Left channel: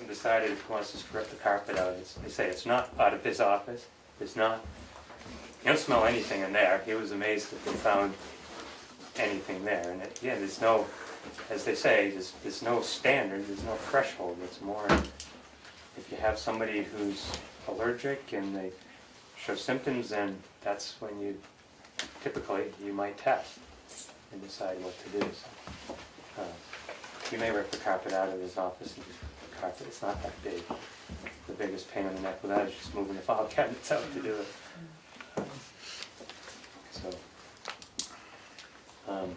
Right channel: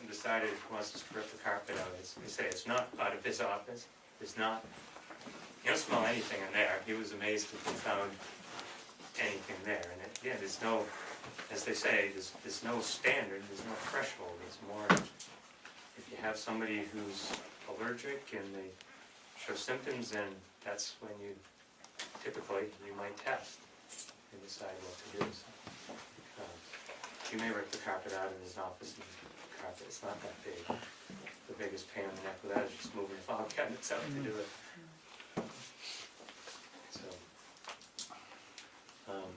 hasn't decided if he wants to strip the carpet out. They say it's not out of his office. It's not. You don't smell anything in there. He was amazed if they found anything there. And again, there's no, as they say, there's no standard. There's no threshold. It's more if you have somebody who's allergic and they show symptoms, then that's when you typically you might test and decide what to do. So, you may rip the carpet out of his office. And the carpet, it's not that big. The biggest pain in the neck with that is just moving the file cabinets out to do it. So,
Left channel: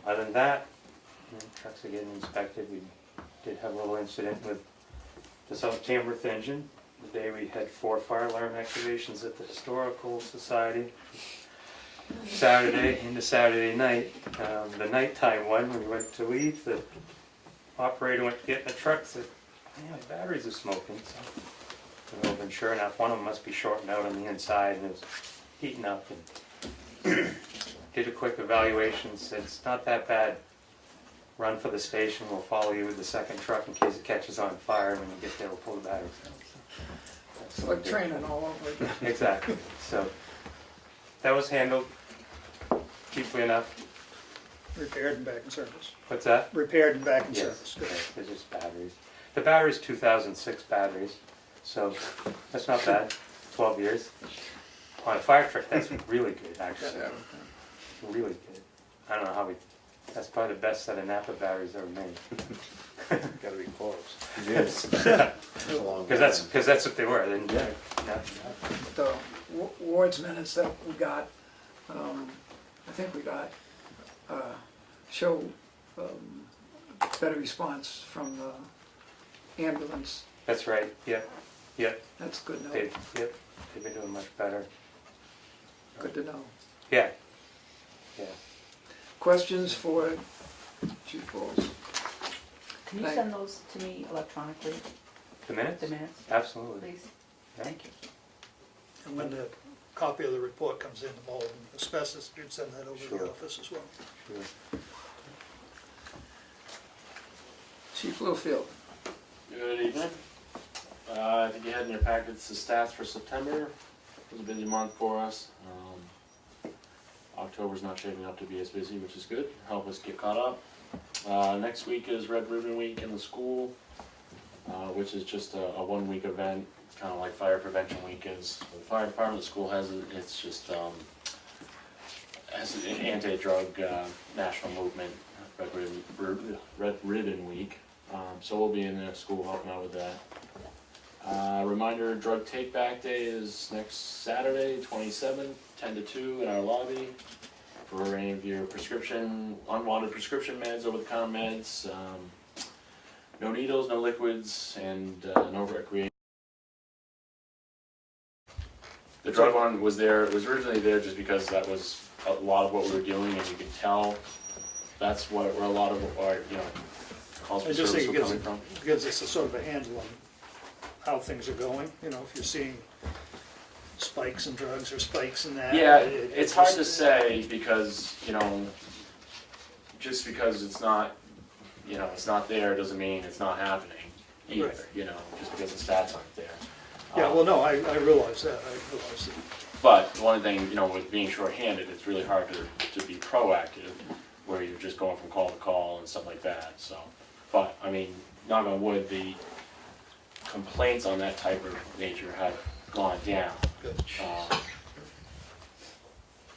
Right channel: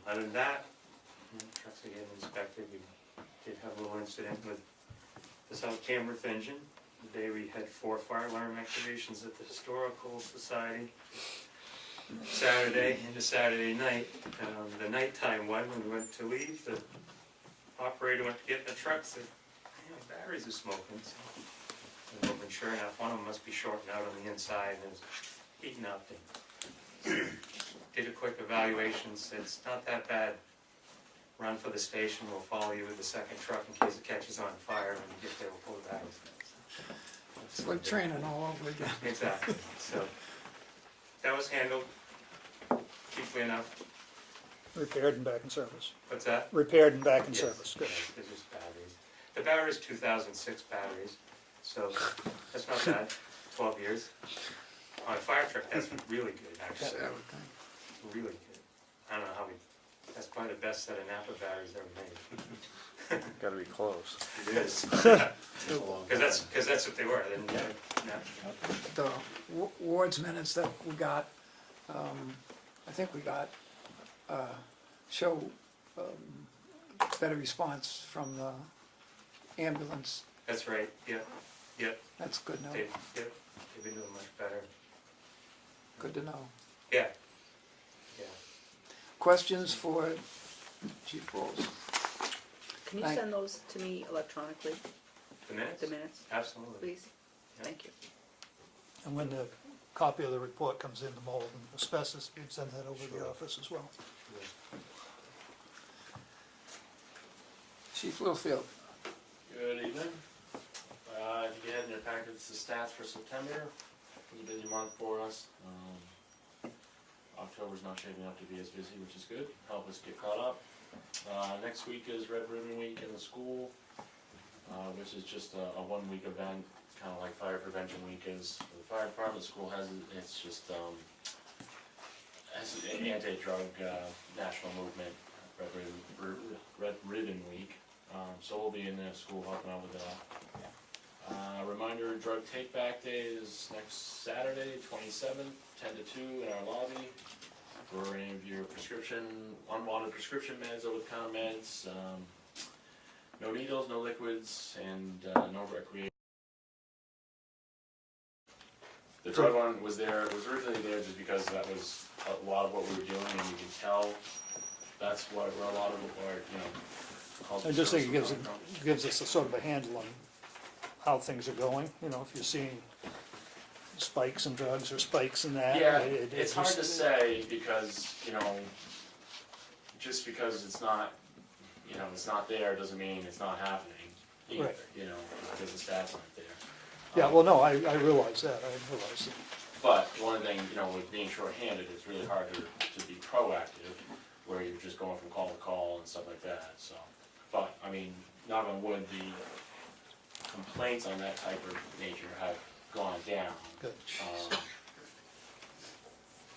other than that, trucks are getting inspected. We did have a little incident with the South Tamworth engine. The day we had 4 fire alarm activations at the Historical Society. Saturday into Saturday night, the nighttime one, when we went to leave, the operator went to get in the truck, said, "Man, the batteries are smoking." So, and sure enough, one of them must be shorting out on the inside, and it was heating up. And did a quick evaluation, said it's not that bad. Run for the station. We'll follow you with the second truck in case it catches on fire, and when you get there, we'll pull the batteries out. So, It's like training all over again. exactly. So that was handled cheaply enough. Repaired and back in service. What's that? Repaired and back in Yes, service. Good. it's just batteries. The battery's 2006 batteries, so that's not bad. 12 years. On a fire truck, that's really good, actually. Really good. I don't know how we. That's probably the best set of Napa batteries ever made. Gotta be close. It is. Because that's what they were. They didn't The wards minutes that we got, I think we got, show better response from the ambulance. That's right. Yep. Yep. That's good to know. Yep. They've been doing much better. Good to know. Yeah. Yeah. Questions for Chief Bowles? Can you Right. send those to me electronically, The minutes? the minutes, Absolutely. please? Yeah. Thank you. And when the copy of the report comes in, the bulletin, asbestos, you'd send that over to Sure. the office as well. Sure. Chief Littlefield? Good evening. I think you had in your packets the stats for September. It was a busy month for us. October's not shaping up to be as busy, which is good. Help us get caught up. Next week is Red Ribbon Week in the school, which is just a 1-week event. It's kind of like Fire Prevention Week is. The fire department, the school has it. It's just has an anti-drug national movement, Red Ribbon Week. So we'll be in the school helping out with that. Reminder, Drug Take Back Day is next Saturday, 27th, 10 to 2 in our lobby. For any of your unwanted prescription meds, over-the-counter meds, no needles, no liquids, and no recreation. The drug one was there, it was originally there just because that was a lot of what we were doing, and you could tell that's where a lot of our, calls for I just service think were it coming from. gives us a sort of a handle on how things are going, if you're seeing spikes in drugs or spikes in that. Yeah, it it's hard just- to say because, just because it's not, it's not there doesn't mean it's not happening either, Right. Just because the stats aren't there. Yeah, well, no, I realize that, But one thing, with being shorthanded, it's really hard to be proactive where you're just going from call to call and stuff like that, so. But, knock on wood, the complaints on that type of nature have gone down.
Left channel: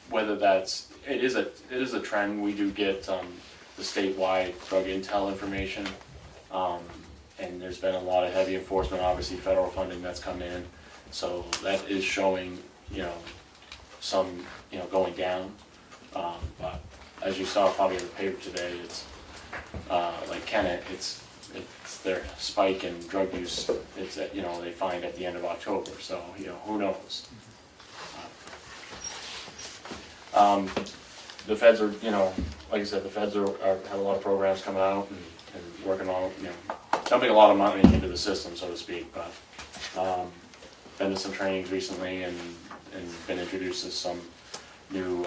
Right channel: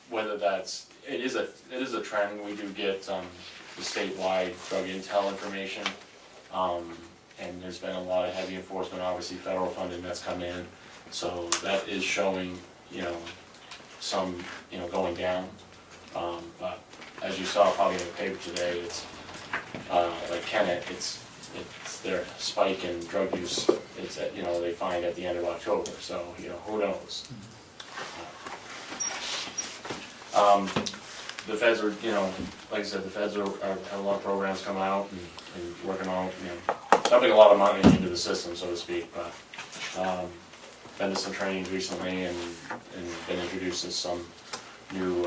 Whether that's, it is a trend. We do get the statewide drug intel information, and there's been a lot of heavy enforcement, obviously federal funding that's come in, so that is showing, some, going down. But as you saw probably in the paper today, it's like Kennett, it's their spike in drug use. It's at, they find at the end of October, so who knows. The feds are, like I said, the feds have a lot of programs coming out and working on, dumping a lot of money into the system, so to speak. But been to some trainings recently and been introduced to some new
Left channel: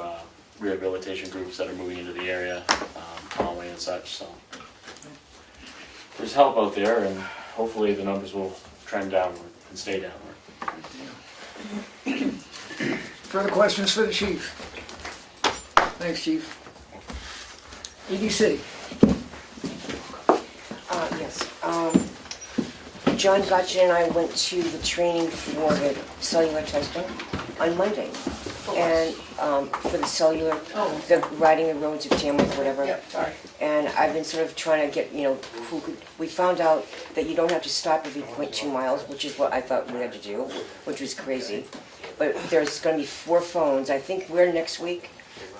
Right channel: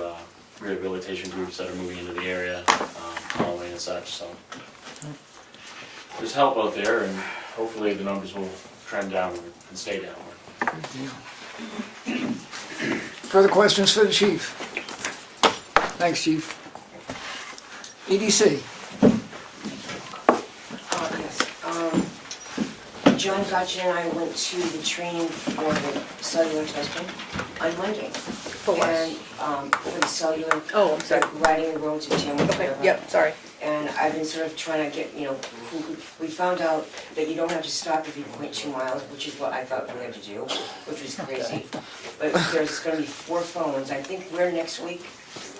rehabilitation groups that are moving into the area, Comeau and such. So there's help out there, and hopefully the numbers will trend downward and stay downward. Further questions for the chief? Thanks, chief. EDC. Yes. John Gotcha and I went to the training for the cellular testing on Monday. For what? And for the cellular, Oh, I'm sorry. riding the roads of Tamworth, Okay, whatever. yep, sorry. And I've been sort of trying to get, we found out that you don't have to stop every 0.2 miles, which is what I thought we had to do, which was crazy. But there's gonna be 4 phones, I think we're next week,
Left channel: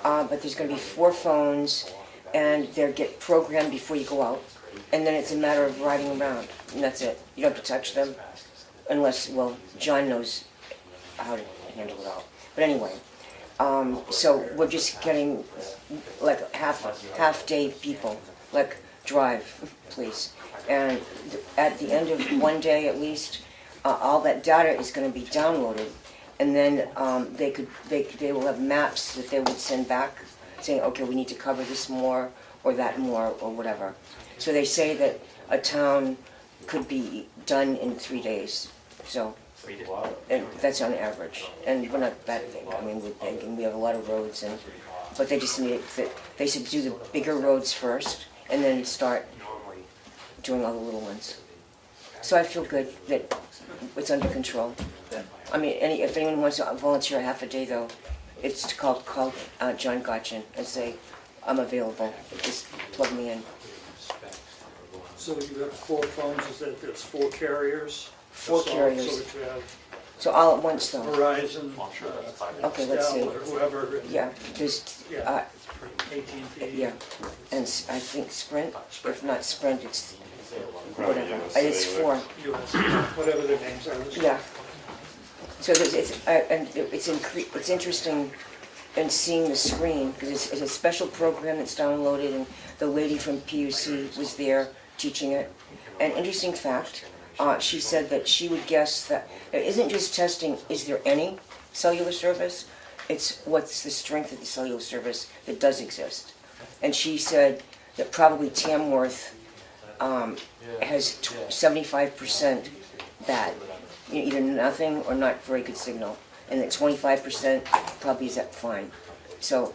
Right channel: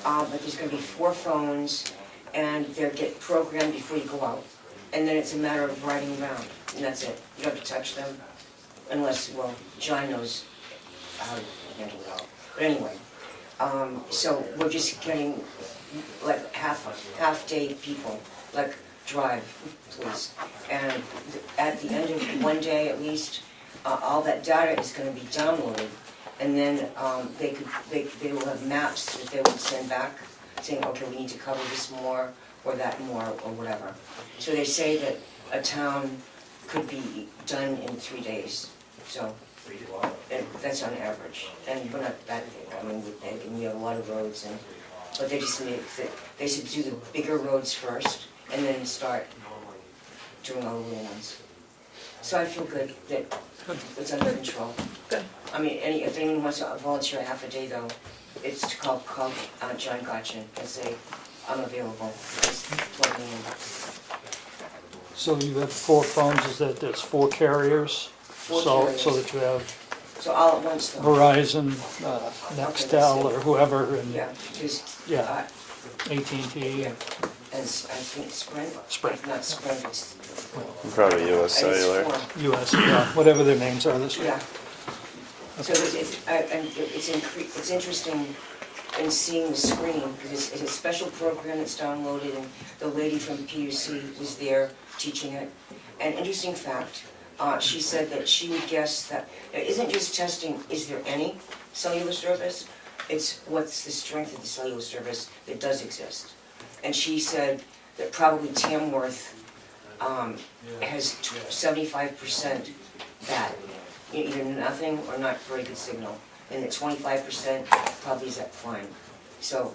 but there's gonna be 4 phones, and they'll get programmed before you go out. And then it's a matter of riding around, and that's it. You don't have to touch them, unless, well, John knows how to handle it all. But anyway, so we're just getting like half-day people, like drive, please. And at the end of one day at least, all that data is gonna be downloaded. And then they will have maps that they will send back saying, okay, we need to cover this more or that more or whatever. So they say that a town could be done in 3 days, so, and that's on average. And we're not that big, I mean, we have a lot of roads and, but they just need, they should do the bigger roads first and then start doing all the little ones. So I feel good that it's under control. Good. I mean, if anyone wants to volunteer half a day though, it's to call John Gotchin and say, I'm available, just plug me in. So you have 4 phones, that's 4 carriers? 4 So carriers. that you have So all at once though? Verizon, let's Nextel, see. or whoever, and Yeah, there's, Yeah. AT&T. yeah, and I think Sprint, Sprint. if not Sprint, it's, Probably US it's Cellular. 4. US, yeah, whatever their names are this week. Yeah. So it's interesting in seeing the screen, because it's a special program that's downloaded, and the lady from PUC was there teaching it. An interesting fact, she said that she would guess that it isn't just testing, is there any cellular service? It's what's the strength of the cellular service that does exist. And she said that probably Tamworth has 75% that, either nothing or not very good signal, and that 25% probably is at fine. So,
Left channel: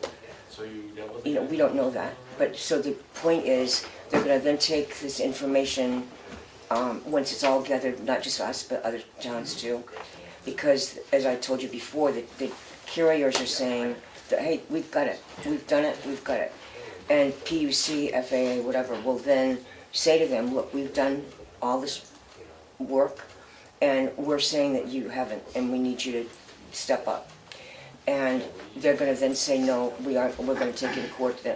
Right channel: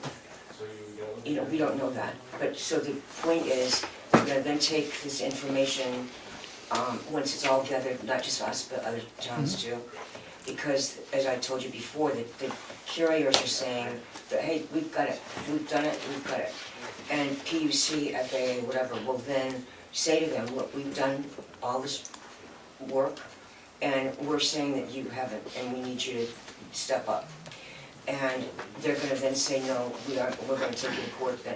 we don't know that. But so the point is, they're going to then take this information once it's all gathered, not just us but other towns too, because as I told you before, the curators are saying that hey, we've got it, we've done it, we've got it, and PUC, FAA, whatever, will then say to them, look, we've done all this work, and we're saying that you haven't, and we need you to step up. And they're going to then say, no, we're going to take you to court. Then,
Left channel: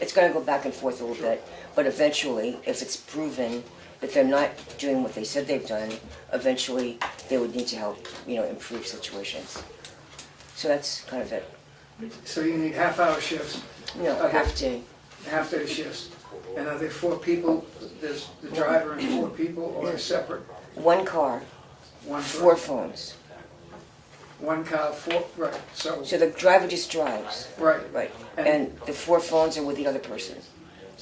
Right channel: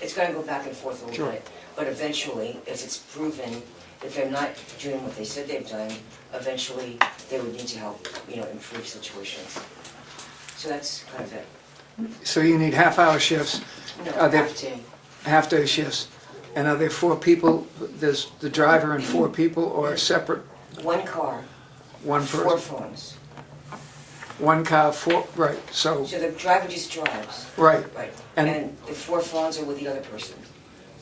it's going to go back and forth a little bit. But eventually, if it's proven that they're not doing what they said they've done, eventually they would need to help, improve situations. So that's kind of it. So you need half-hour shifts, Are they- Half day. half-day shifts. And are there 4 people, there's the driver and 4 people, or a separate, 1 car, one 4 person? phones. 1 car, 4, right, so, So the driver just drives, right. right? And- And the 4 phones are with the other person.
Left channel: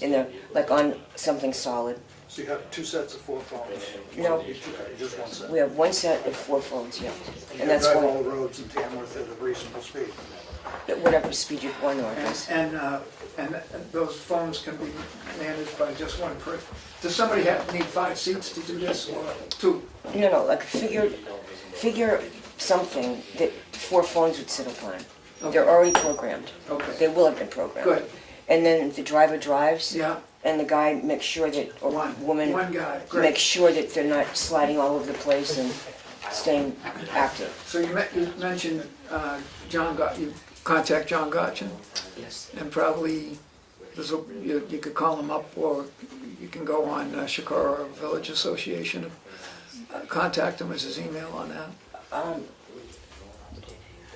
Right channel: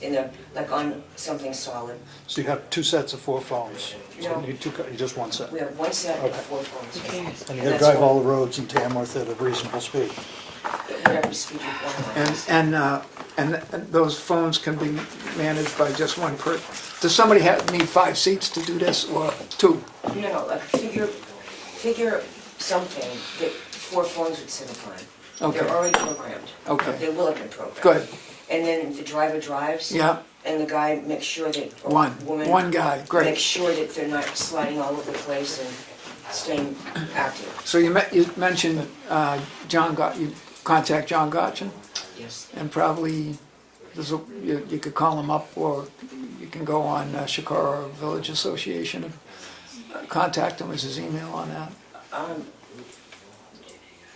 In there, like on something solid. So you have 2 sets of 4 phones? No. You just 1 set? We have 1 set of 4 phones, yeah. And And you that's drive one. all the roads in Tamworth at a reasonable speed? Whatever speed you want. And those phones can be managed by just one person. Does somebody need 5 seats to do this, or 2? No, like figure something that 4 phones would sit upon. Okay. They're already programmed. Okay. They will have been programmed. Good, And then the driver drives. yeah, And the guy makes sure that, or woman. one guy, Makes great. sure that they're not sliding all over the place and staying active. So you mentioned you contact John Gotchin, Yes. and probably you could call him up, or you can go on Shakara Village Association and contact him. Is his email on that?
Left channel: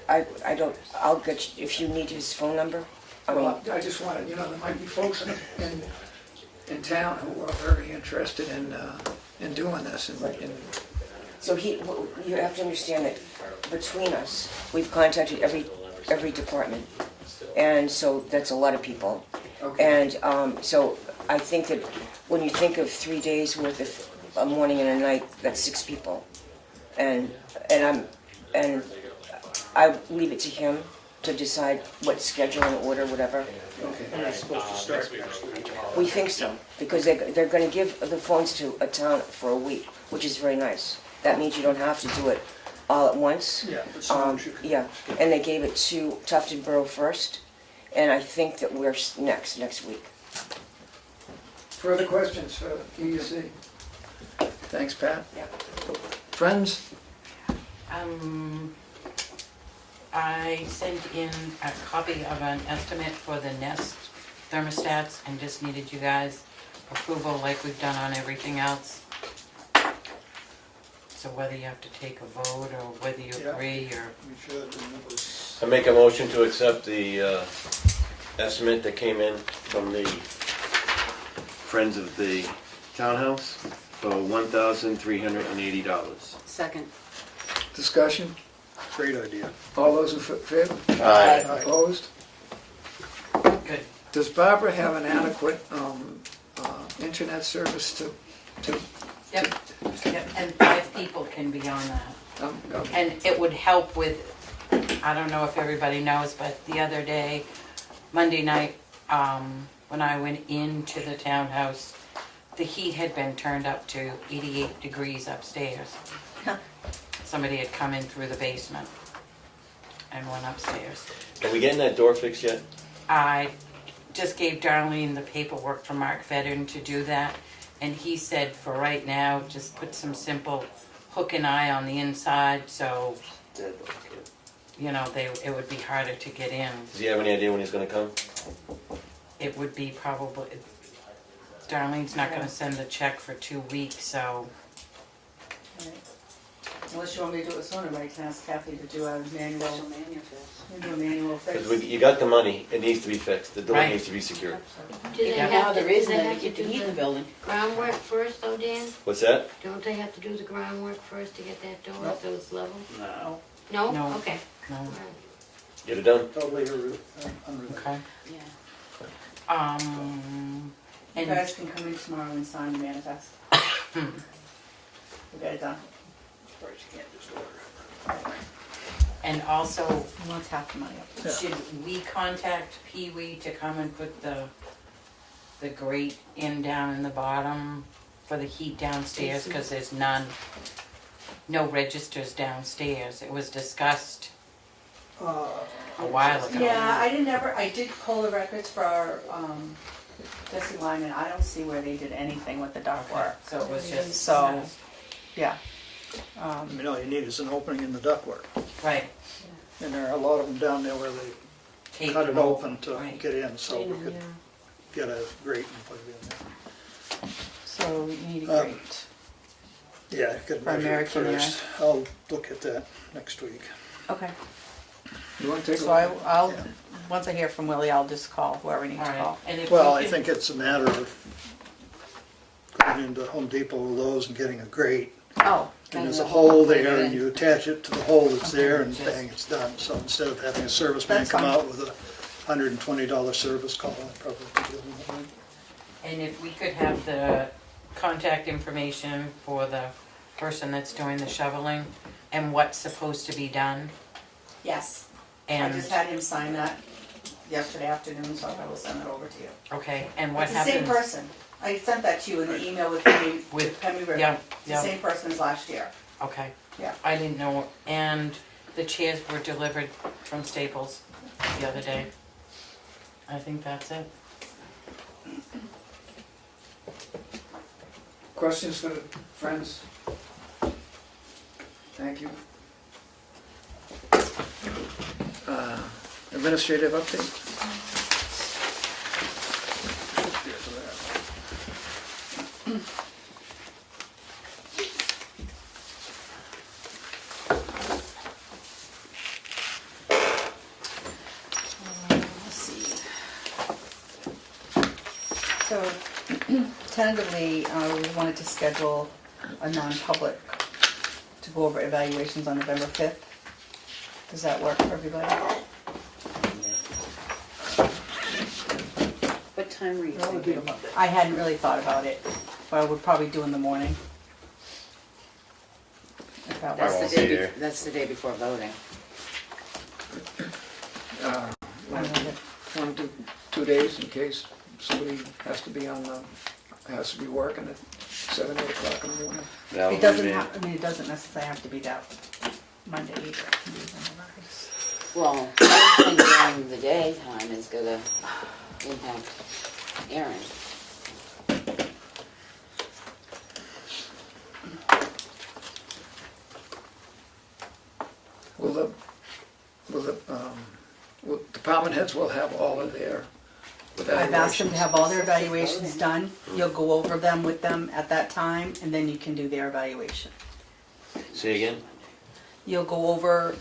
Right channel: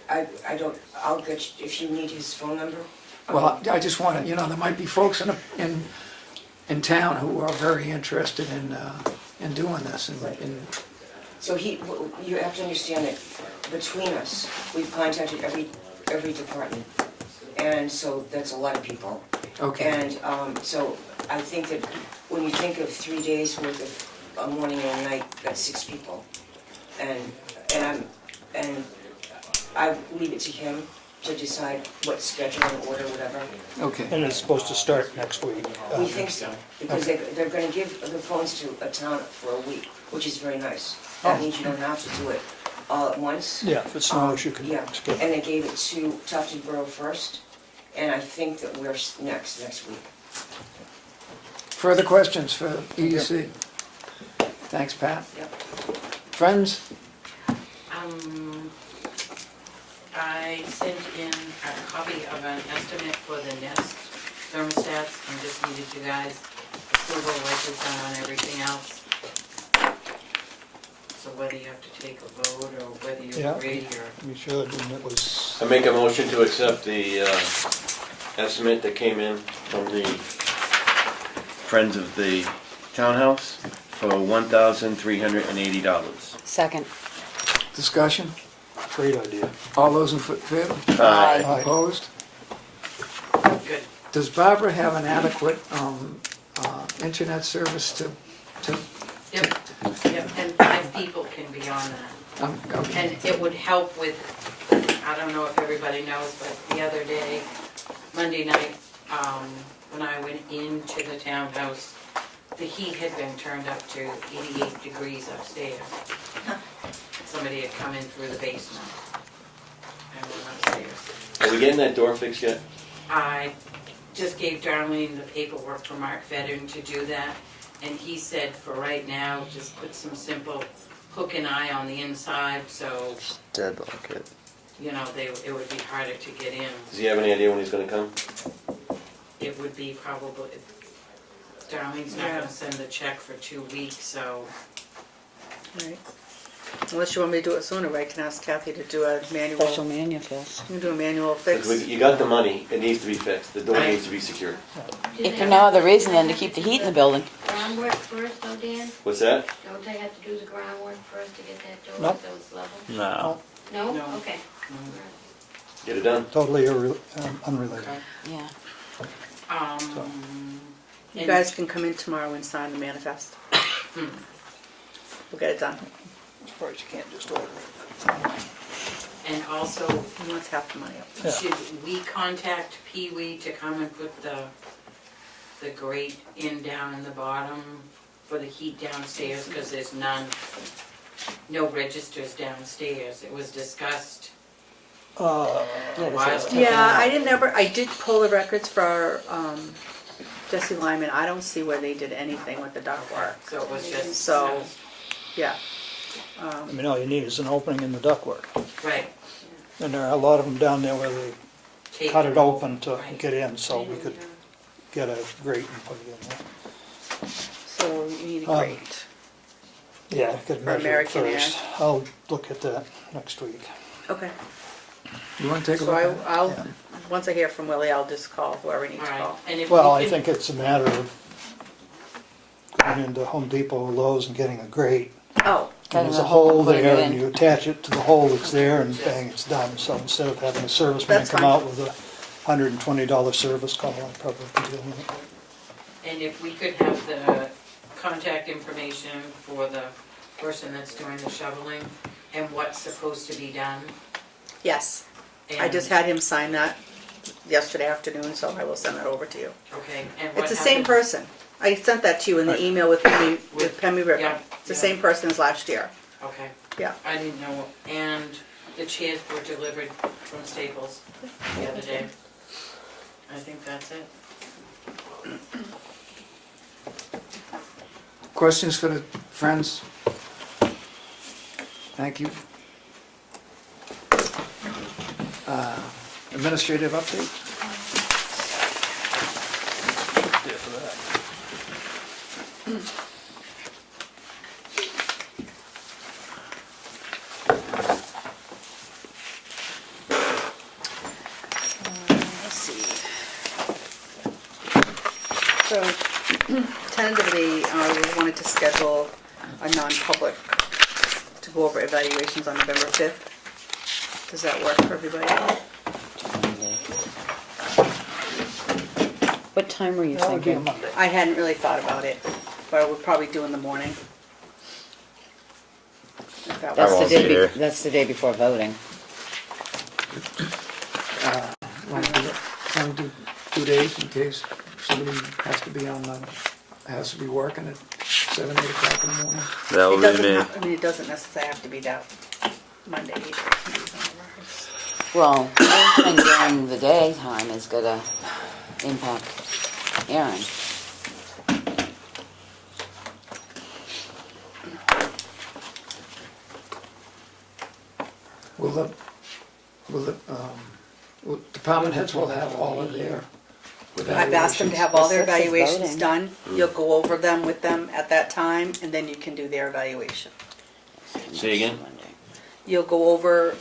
I don't, I'll get you, if you need his phone number. Well, I just want to, there might be folks in town who are very interested in doing this. So you have to understand that between us, we've contacted every department. And so that's a lot of people. Okay, And so I think that when you think of 3 days worth a morning and a night, that's 6 people. And I leave it to him to decide what schedule and order, whatever. Okay. And it's supposed to start next week. We think so, because they're gonna give the phones to a town for a week, which is very nice. That means you don't have to do it all at once. Yeah, if it snows, you can Yeah, skip. and they gave it to Tufted Borough first, and I think that we're next week. Further questions for EUC? Thanks, Pat. Yep. Friends? I sent in a copy of an estimate for the Nest thermostats and just needed you guys approval like we've done on everything else. So whether you have to take a vote or whether you Yeah. agree or. We should, and it was, I make a motion to accept the estimate that came in from the Friends of the Townhouse for $1,380. Second. Discussion? great idea. All those in favor? Aye. Opposed? Good. Does Barbara have an adequate internet service to? Yep, yep, and 5 people can be on that. Okay. And it would help with, I don't know if everybody knows, but the other day, Monday night, when I went into the townhouse, the heat had been turned up to 88 degrees upstairs. Somebody had come in through the basement and went upstairs. Are we getting that door fixed yet? I just gave Darlene the paperwork for Mark Fedden to do that, and he said for right now, just put some simple hook and eye on the inside, so, Deadlock it. you know, it would be harder to get in. Does he have any idea when he's gonna come? It would be probably, Darlene's not gonna send the check for 2 weeks, so, Right. Unless you want me to do it sooner, right? Can ask Kathy to do a manual. Special manifest. You do a manual fix. You got the money, it needs to be fixed, the door Right. needs to be secure. If you know the reason, then to keep the heat in the building. Groundwork first though, Dan? What's that? Don't they have to do the groundwork first to get that door Nope. so it's level? No. No? No. Okay. no, Get it done. Totally unrelated. okay. Yeah. You And guys can come in tomorrow and sign the manifest. We'll get it done. Of course, you can't just order it. and also, He wants half the money up. Yeah. should we contact Pee Wee to come and put the grate in down in the bottom for the heat downstairs, because there's no registers downstairs. It was discussed a while ago. Yeah, I did pull the records for Jesse Lyman. I don't see where they did anything with the ductwork. So it was just So- discussed. Yeah. I mean, all you need is an opening in the ductwork. Right. And there are a lot of them down there where they Tape cut it open to Right. get in, so we could get a grate and put it in there. So you need a Um, grate. Yeah, get For measured American Air. first. I'll look at that next week. Okay. You want to take a So look? I'll, Yeah. once I hear from Willie, I'll just call whoever needs All to right. call. And if Well, we I can- think it's a matter of going into Home Depot or Lowe's and getting a grate. Oh, And Cutting there's a a hole, hole putting it there, in. and you attach it to the hole that's there, and bang, it's done. So instead of having a serviceman That's come fine. out with a $120 service call, I'd probably be dealing with it. And if we could have the contact information for the person that's doing the shoveling and what's supposed to be done. yes. I And just had him sign that yesterday afternoon, so I will send it over to you. Okay, and what It's happens? the same person. I sent that to you in the email with Pemmy, with Pemmy River. Yeah, It's the yeah. same person as last year. Okay. Yeah. I didn't know, and the chairs were delivered from Staples the other day. I think that's it. Questions for the friends? Thank you. Administrative update? Let's see. So tentatively, we wanted to schedule a non-public to go over evaluations on November 5th. Does that work for everybody? What time were you That would be a thinking? Monday. I hadn't really thought about it, but I would probably do in the morning. That's the won't day, be here. that's the day before voting. Want to do 2 days in case somebody has to be has to be working at 7, 8 o'clock in the morning? That It will be doesn't me. have, I mean, it doesn't necessarily have to be that Monday either. It can be whenever. Well, anything during the daytime is gonna impact Aaron. Will department heads will have all of their I've asked them to have all their The sixth is evaluations voting. done. You'll go over them with them at that time, and then you can do their evaluation. Say again? You'll go over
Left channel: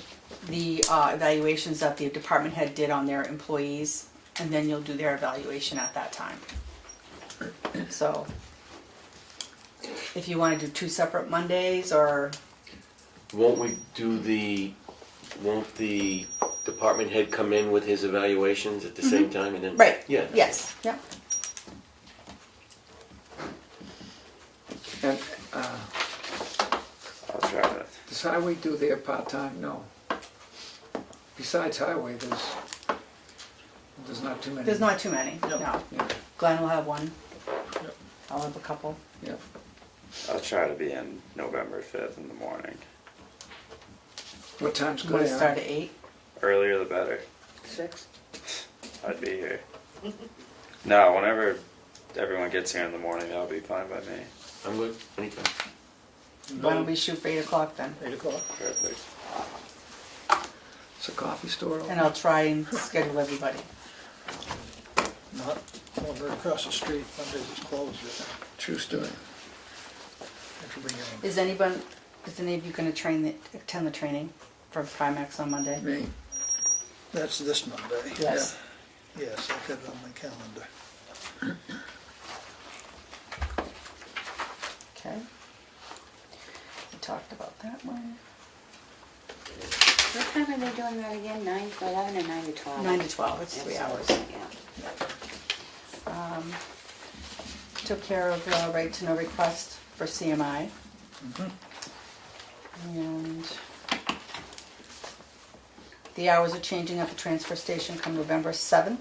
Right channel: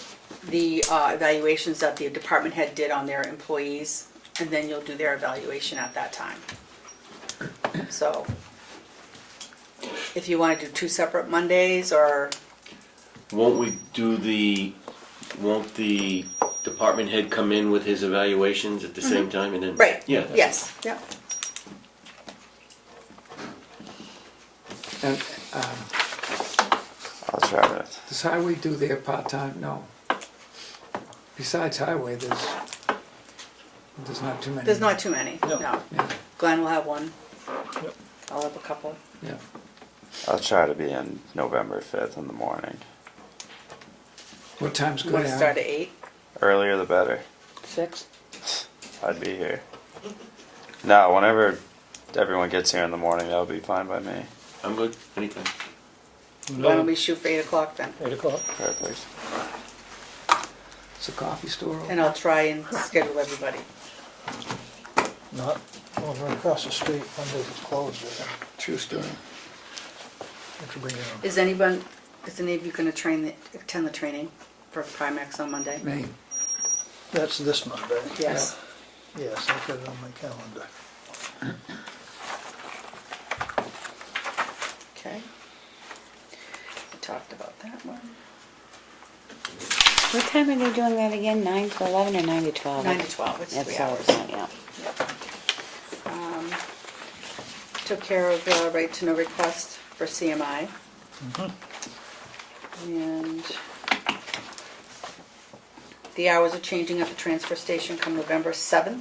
the evaluations that the department head did on their employees, and then you'll do their evaluation at that time. So, if you want to do 2 separate Mondays, or, Won't the department head come in with his evaluations at the same time and then? right, Yeah. yes, yep. And I'll try to. does highway do their part-time? No. Besides highway, there's not too many. There's not too many, No. no. Yeah, Glenn will have one. I'll have a couple. yeah. I'll try to be in November 5th in the morning. What time's You good? want to Al? start at 8? Earlier the better. 6? I'd be here. No, whenever everyone gets here in the morning, that'll be fine by me. I'm good, anytime. Why don't we shoot for 8 o'clock then? 8 o'clock. Perfect. It's a coffee store. And I'll try and schedule everybody. Not over across the street, Mondays is closed. True story. Have to bring your own. Is any of you going to attend the training for Primex on Monday? May. That's this Monday. Yes. Yes, I got it on my calendar. Okay. We talked about that one. What time are they doing that again? 9 to 11 or 9 to 12? 9 to 12, it's That's 3 so- hours. Yeah. Took care of the right to know request for CMI. And the hours are changing at the transfer station come November 7th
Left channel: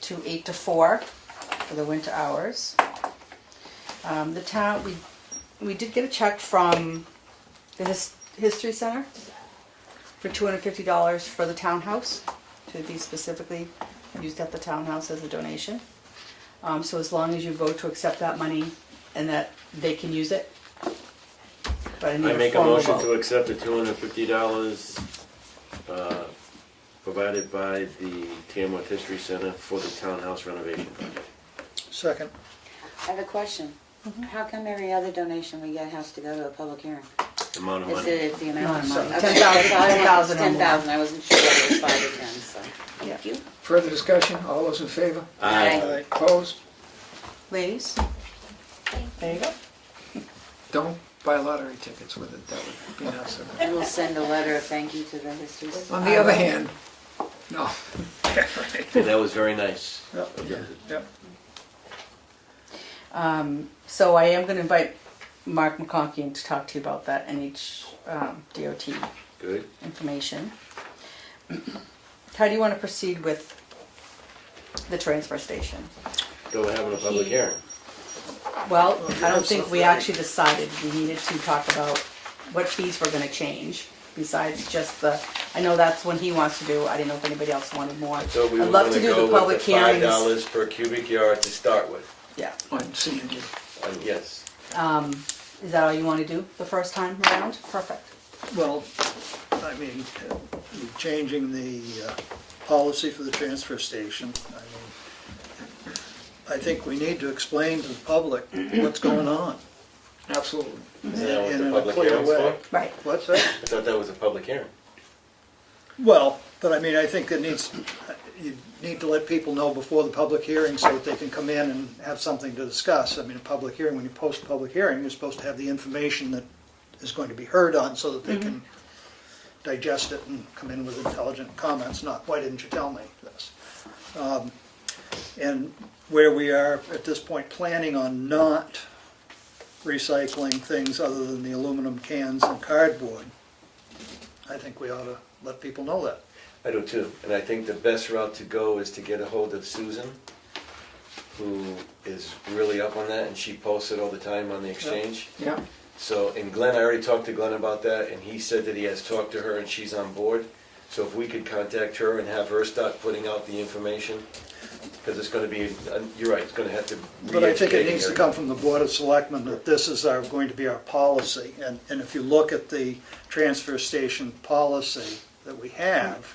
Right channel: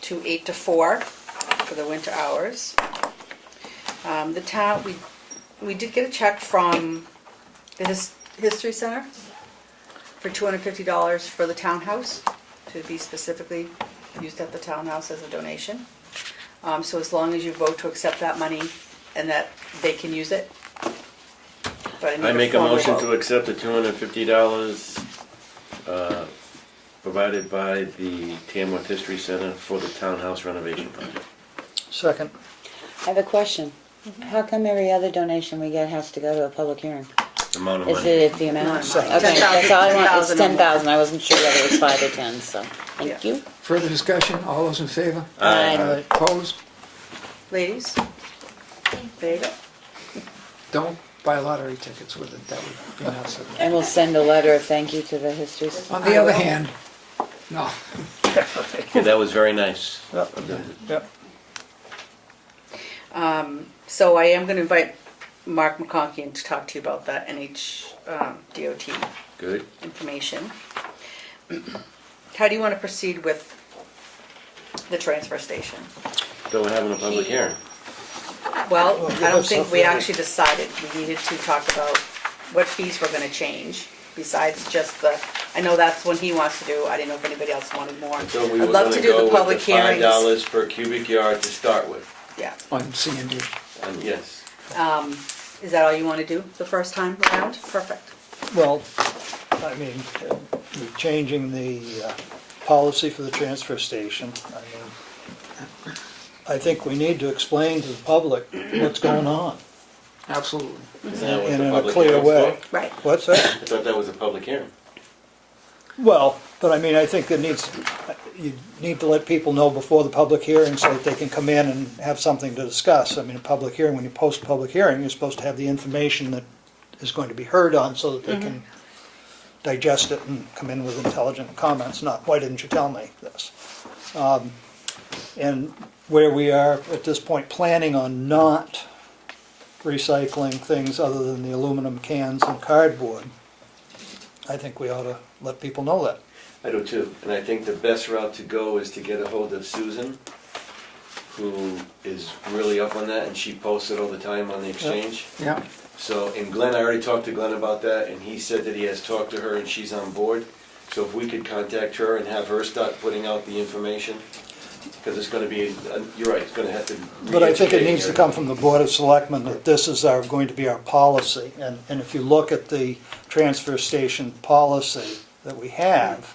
to 8 to 4 for the winter hours. The town, we did get a check from the History Center for $250 for the townhouse, to be specifically used at the townhouse as a donation. So as long as you vote to accept that money and that they can use it. But need I make a formal motion vote. to accept the $250 provided by the Tamworth History Center for the townhouse renovation project. Second. I have a question. How come every other donation we get has to go to a public hearing? Amount of Is money. it the amount of money? $10,000. Okay, that's all I want. It's 10,000 or more. 10,000. I wasn't sure whether it was 5 or 10, so thank you. Further discussion? All those in favor? Aye. Opposed? Ladies? There you go. Don't buy lottery tickets with it. That would be nuts. And we'll send a letter of thank you to the History Society. On the other hand, no. Yeah, that was very nice. Yep. So I am gonna invite Mark McConkey in to talk to you about that NH DOT Good. information. How do you want to proceed with the transfer station? So we're having a public hearing. Well, Well, I don't that's think not we right. actually decided we needed to talk about what fees we're gonna change, besides just the, I know that's what he wants to do, I didn't know if anybody else wanted more. So we were I'd love gonna to do go the with public hearings. $5 per cubic yard to start with. Yeah, On C and D. And yes. is that all you wanna do the first time around? Perfect. Well, I mean, you're changing the policy for the transfer station. I think we need to explain to the public what's going on Absolutely. Is that what in the a public clear hearing's way. for? Right. What's that? I thought that was a public hearing. Well, but I mean, I think you need to let people know before the public hearing so that they can come in and have something to discuss. I mean, a public hearing, when you post a public hearing, you're supposed to have the information that is going to be heard on so that they can digest it and come in with intelligent comments, not, why didn't you tell me this? And where we are at this point planning on not recycling things other than the aluminum cans and cardboard, I think we ought to let people know that. I do too, and I think the best route to go is to get a hold of Susan, who is really up on that, and she posts it all the time on the exchange. Yeah, So, and Glenn, I already talked to Glenn about that, and he said that he has talked to her and she's on board. So if we could contact her and have her start putting out the information, because it's gonna be, you're right, it's gonna have to. But I think it needs to come from the Board of Selectmen that this is going to be our policy. And if you look at the transfer station policy that we have,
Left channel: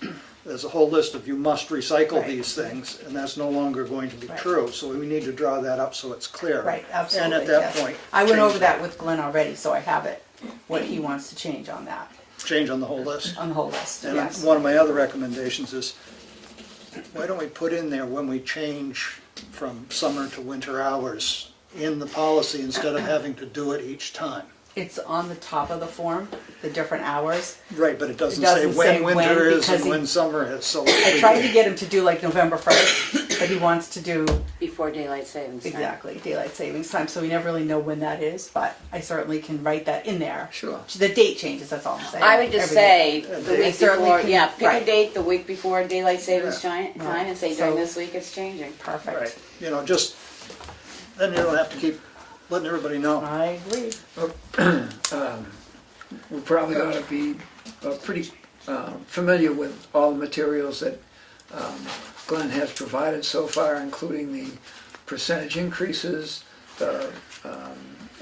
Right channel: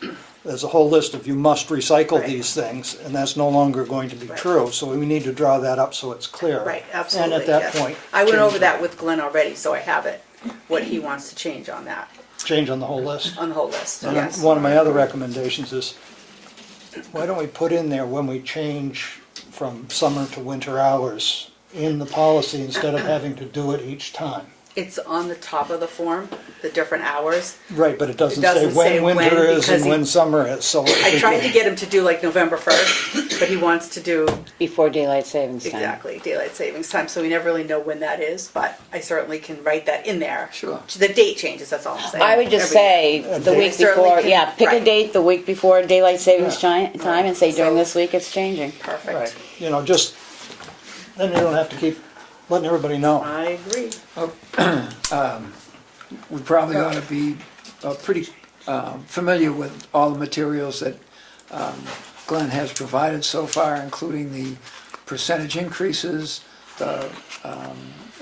there's a whole list of you must recycle Right. these things, and that's no longer going to be Right. true. So we need to draw that up so it's clear. Right, absolutely. And at that yes. point. I went change- over that with Glenn already, so I have it, what he wants to change on that, Change on the whole list. on the whole list, And yes. one of my other recommendations is, why don't we put in there when we change from summer to winter hours in the policy instead of having to do it each time? It's on the top of the form, the different hours. Right, but it doesn't It doesn't say say when when, winter is because and when summer is, so. I tried to get him to do like November 1st, but he wants to do Before daylight savings time. exactly daylight savings time, so we never really know when that is, but I certainly can write that in there. sure. The date changes, that's all I'm saying. I would just Every day. say the I week certainly before, can- yeah, pick a right. date the week before daylight savings time and say during So- this week it's changing. Perfect. Right, you know, just, then you don't have to keep letting everybody know. I agree. We probably ought to be pretty familiar with all the materials that Glenn has provided so far, including the percentage increases, the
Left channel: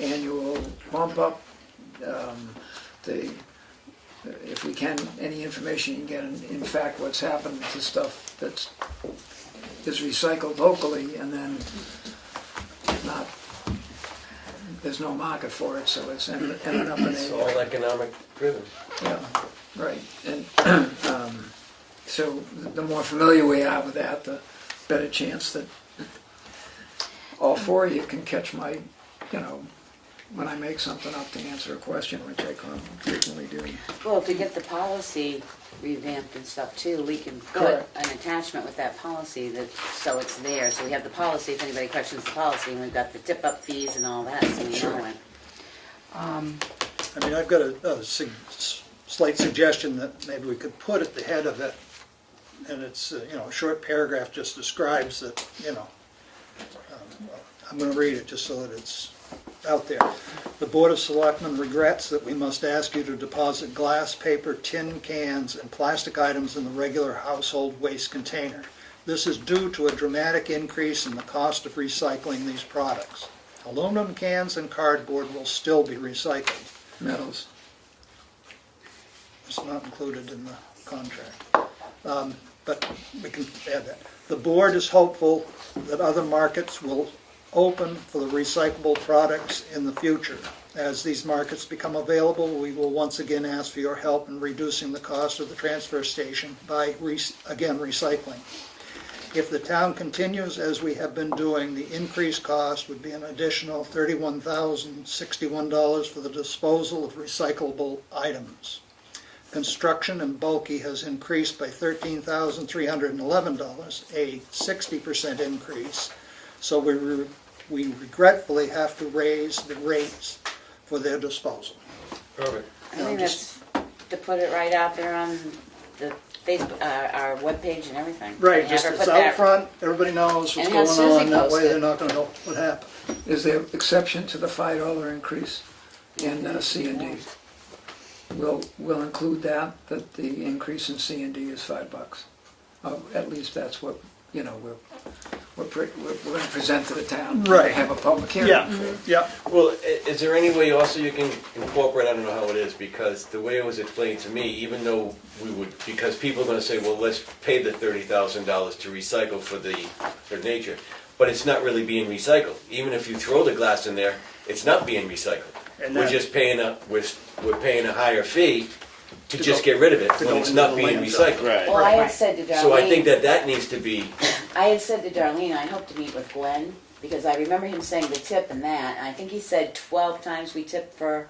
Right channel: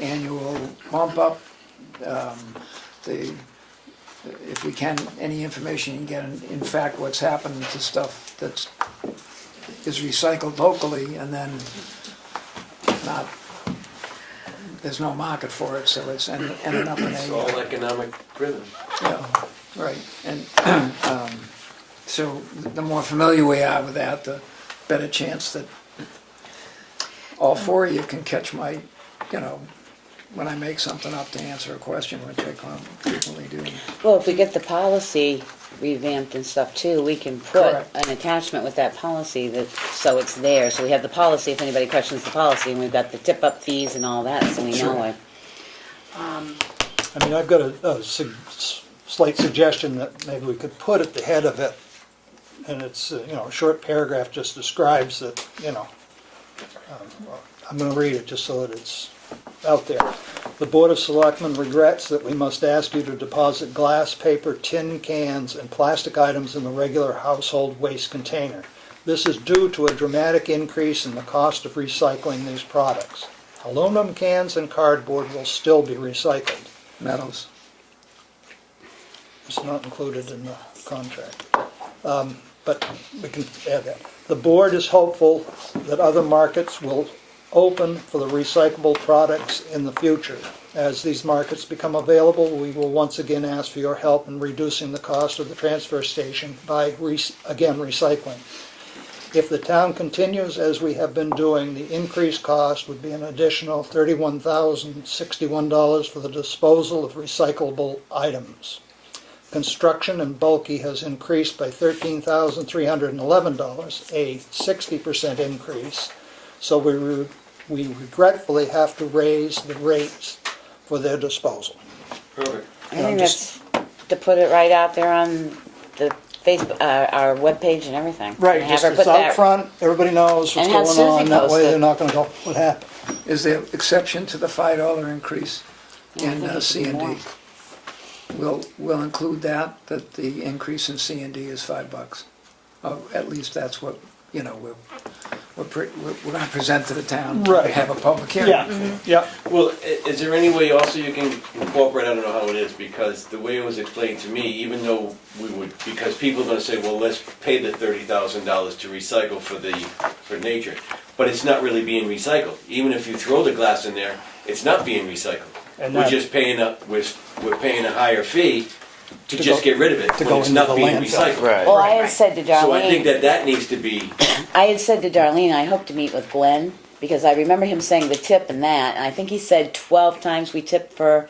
annual bump up, if we can, any information you can get, in fact, what's happened to stuff that is recycled locally and then not, there's no market for it, so it's ending up in It's a... all economic driven. Yeah, right, and so the more familiar we are with that, the better chance that all four of you can catch my, when I make something up to answer a question, which I frequently do. Well, if we get the policy revamped and stuff too, we can put Correct. an attachment with that policy so it's there. So we have the policy if anybody questions the policy, and we've got the tip-up fees and all that, so we Sure. know it. I mean, I've got a slight suggestion that maybe we could put at the head of it, and it's, a short paragraph just describes that, I'm gonna read it just so that it's out there. The Board of Selectmen regrets that we must ask you to deposit glass, paper, tin cans, and plastic items in the regular household waste container. This is due to a dramatic increase in the cost of recycling these products. Aluminum cans and cardboard will still be recycled. Metals. It's not included in the contract. But we can add that. The board is hopeful that other markets will open for the recyclable products in the future. As these markets become available, we will once again ask for your help in reducing the cost of the transfer station by, again, recycling. If the town continues as we have been doing, the increased cost would be an additional $31,061 for the disposal of recyclable items. Construction and bulky has increased by $13,311, a 60% increase. So we regretfully have to raise the rates for their disposal. Perfect. I think that's to put it right out there on the Facebook, our webpage and everything. Right, And have just her it's put out that- front, everybody knows what's And have going Susie on, that post way it. they're not gonna go, what happened? Is there exception to the $5 increase in C and D? We'll include that the increase in C and D is $5. At least that's what, we're gonna present to the town. Right. Have a public hearing. Yeah, yeah. Well, is there any way also you can incorporate, I don't know how it is, because the way it was explained to me, even though because people are gonna say, well, let's pay the $30,000 to recycle for nature, but it's not really being recycled. Even if you throw the glass in there, it's not being recycled. And We're that- just paying we're paying a higher fee to To just go- get rid of it to when go it's into not the being landfill. recycled. Right. Well, I had said to Darlene. So I think that needs to be, I had said to Darlene, I hope to meet with Glenn, because I remember him saying the tip and that, and I think he said 12 times we tipped for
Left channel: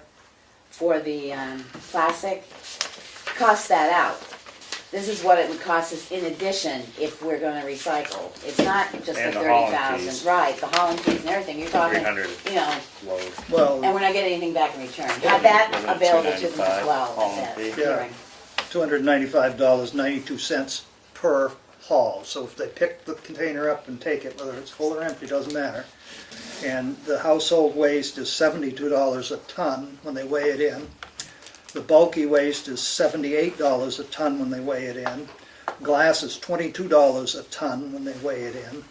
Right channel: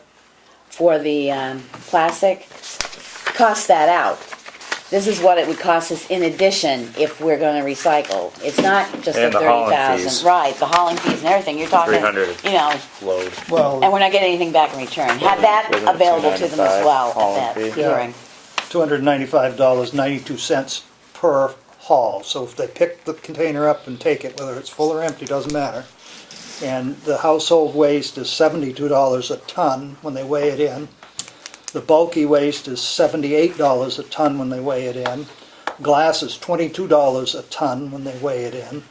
the plastic. Cost that out. this is what it would cost us in addition if we're gonna recycle. It's not just the And the hauling 30,000, fees. right, the hauling fees and everything, you're talking, 300. you know, Load. and Well, we're not getting anything back in return. Have that Wasn't it available to them as $2.95 well hauling at that fee? Yeah. hearing. $295.92 per haul. So if they pick the container up and take it, whether it's full or empty, doesn't matter. And the household waste is $72 a ton when they weigh it in. The bulky waste is $78 a ton when they weigh it in. Glass is $22 a ton when they weigh it in.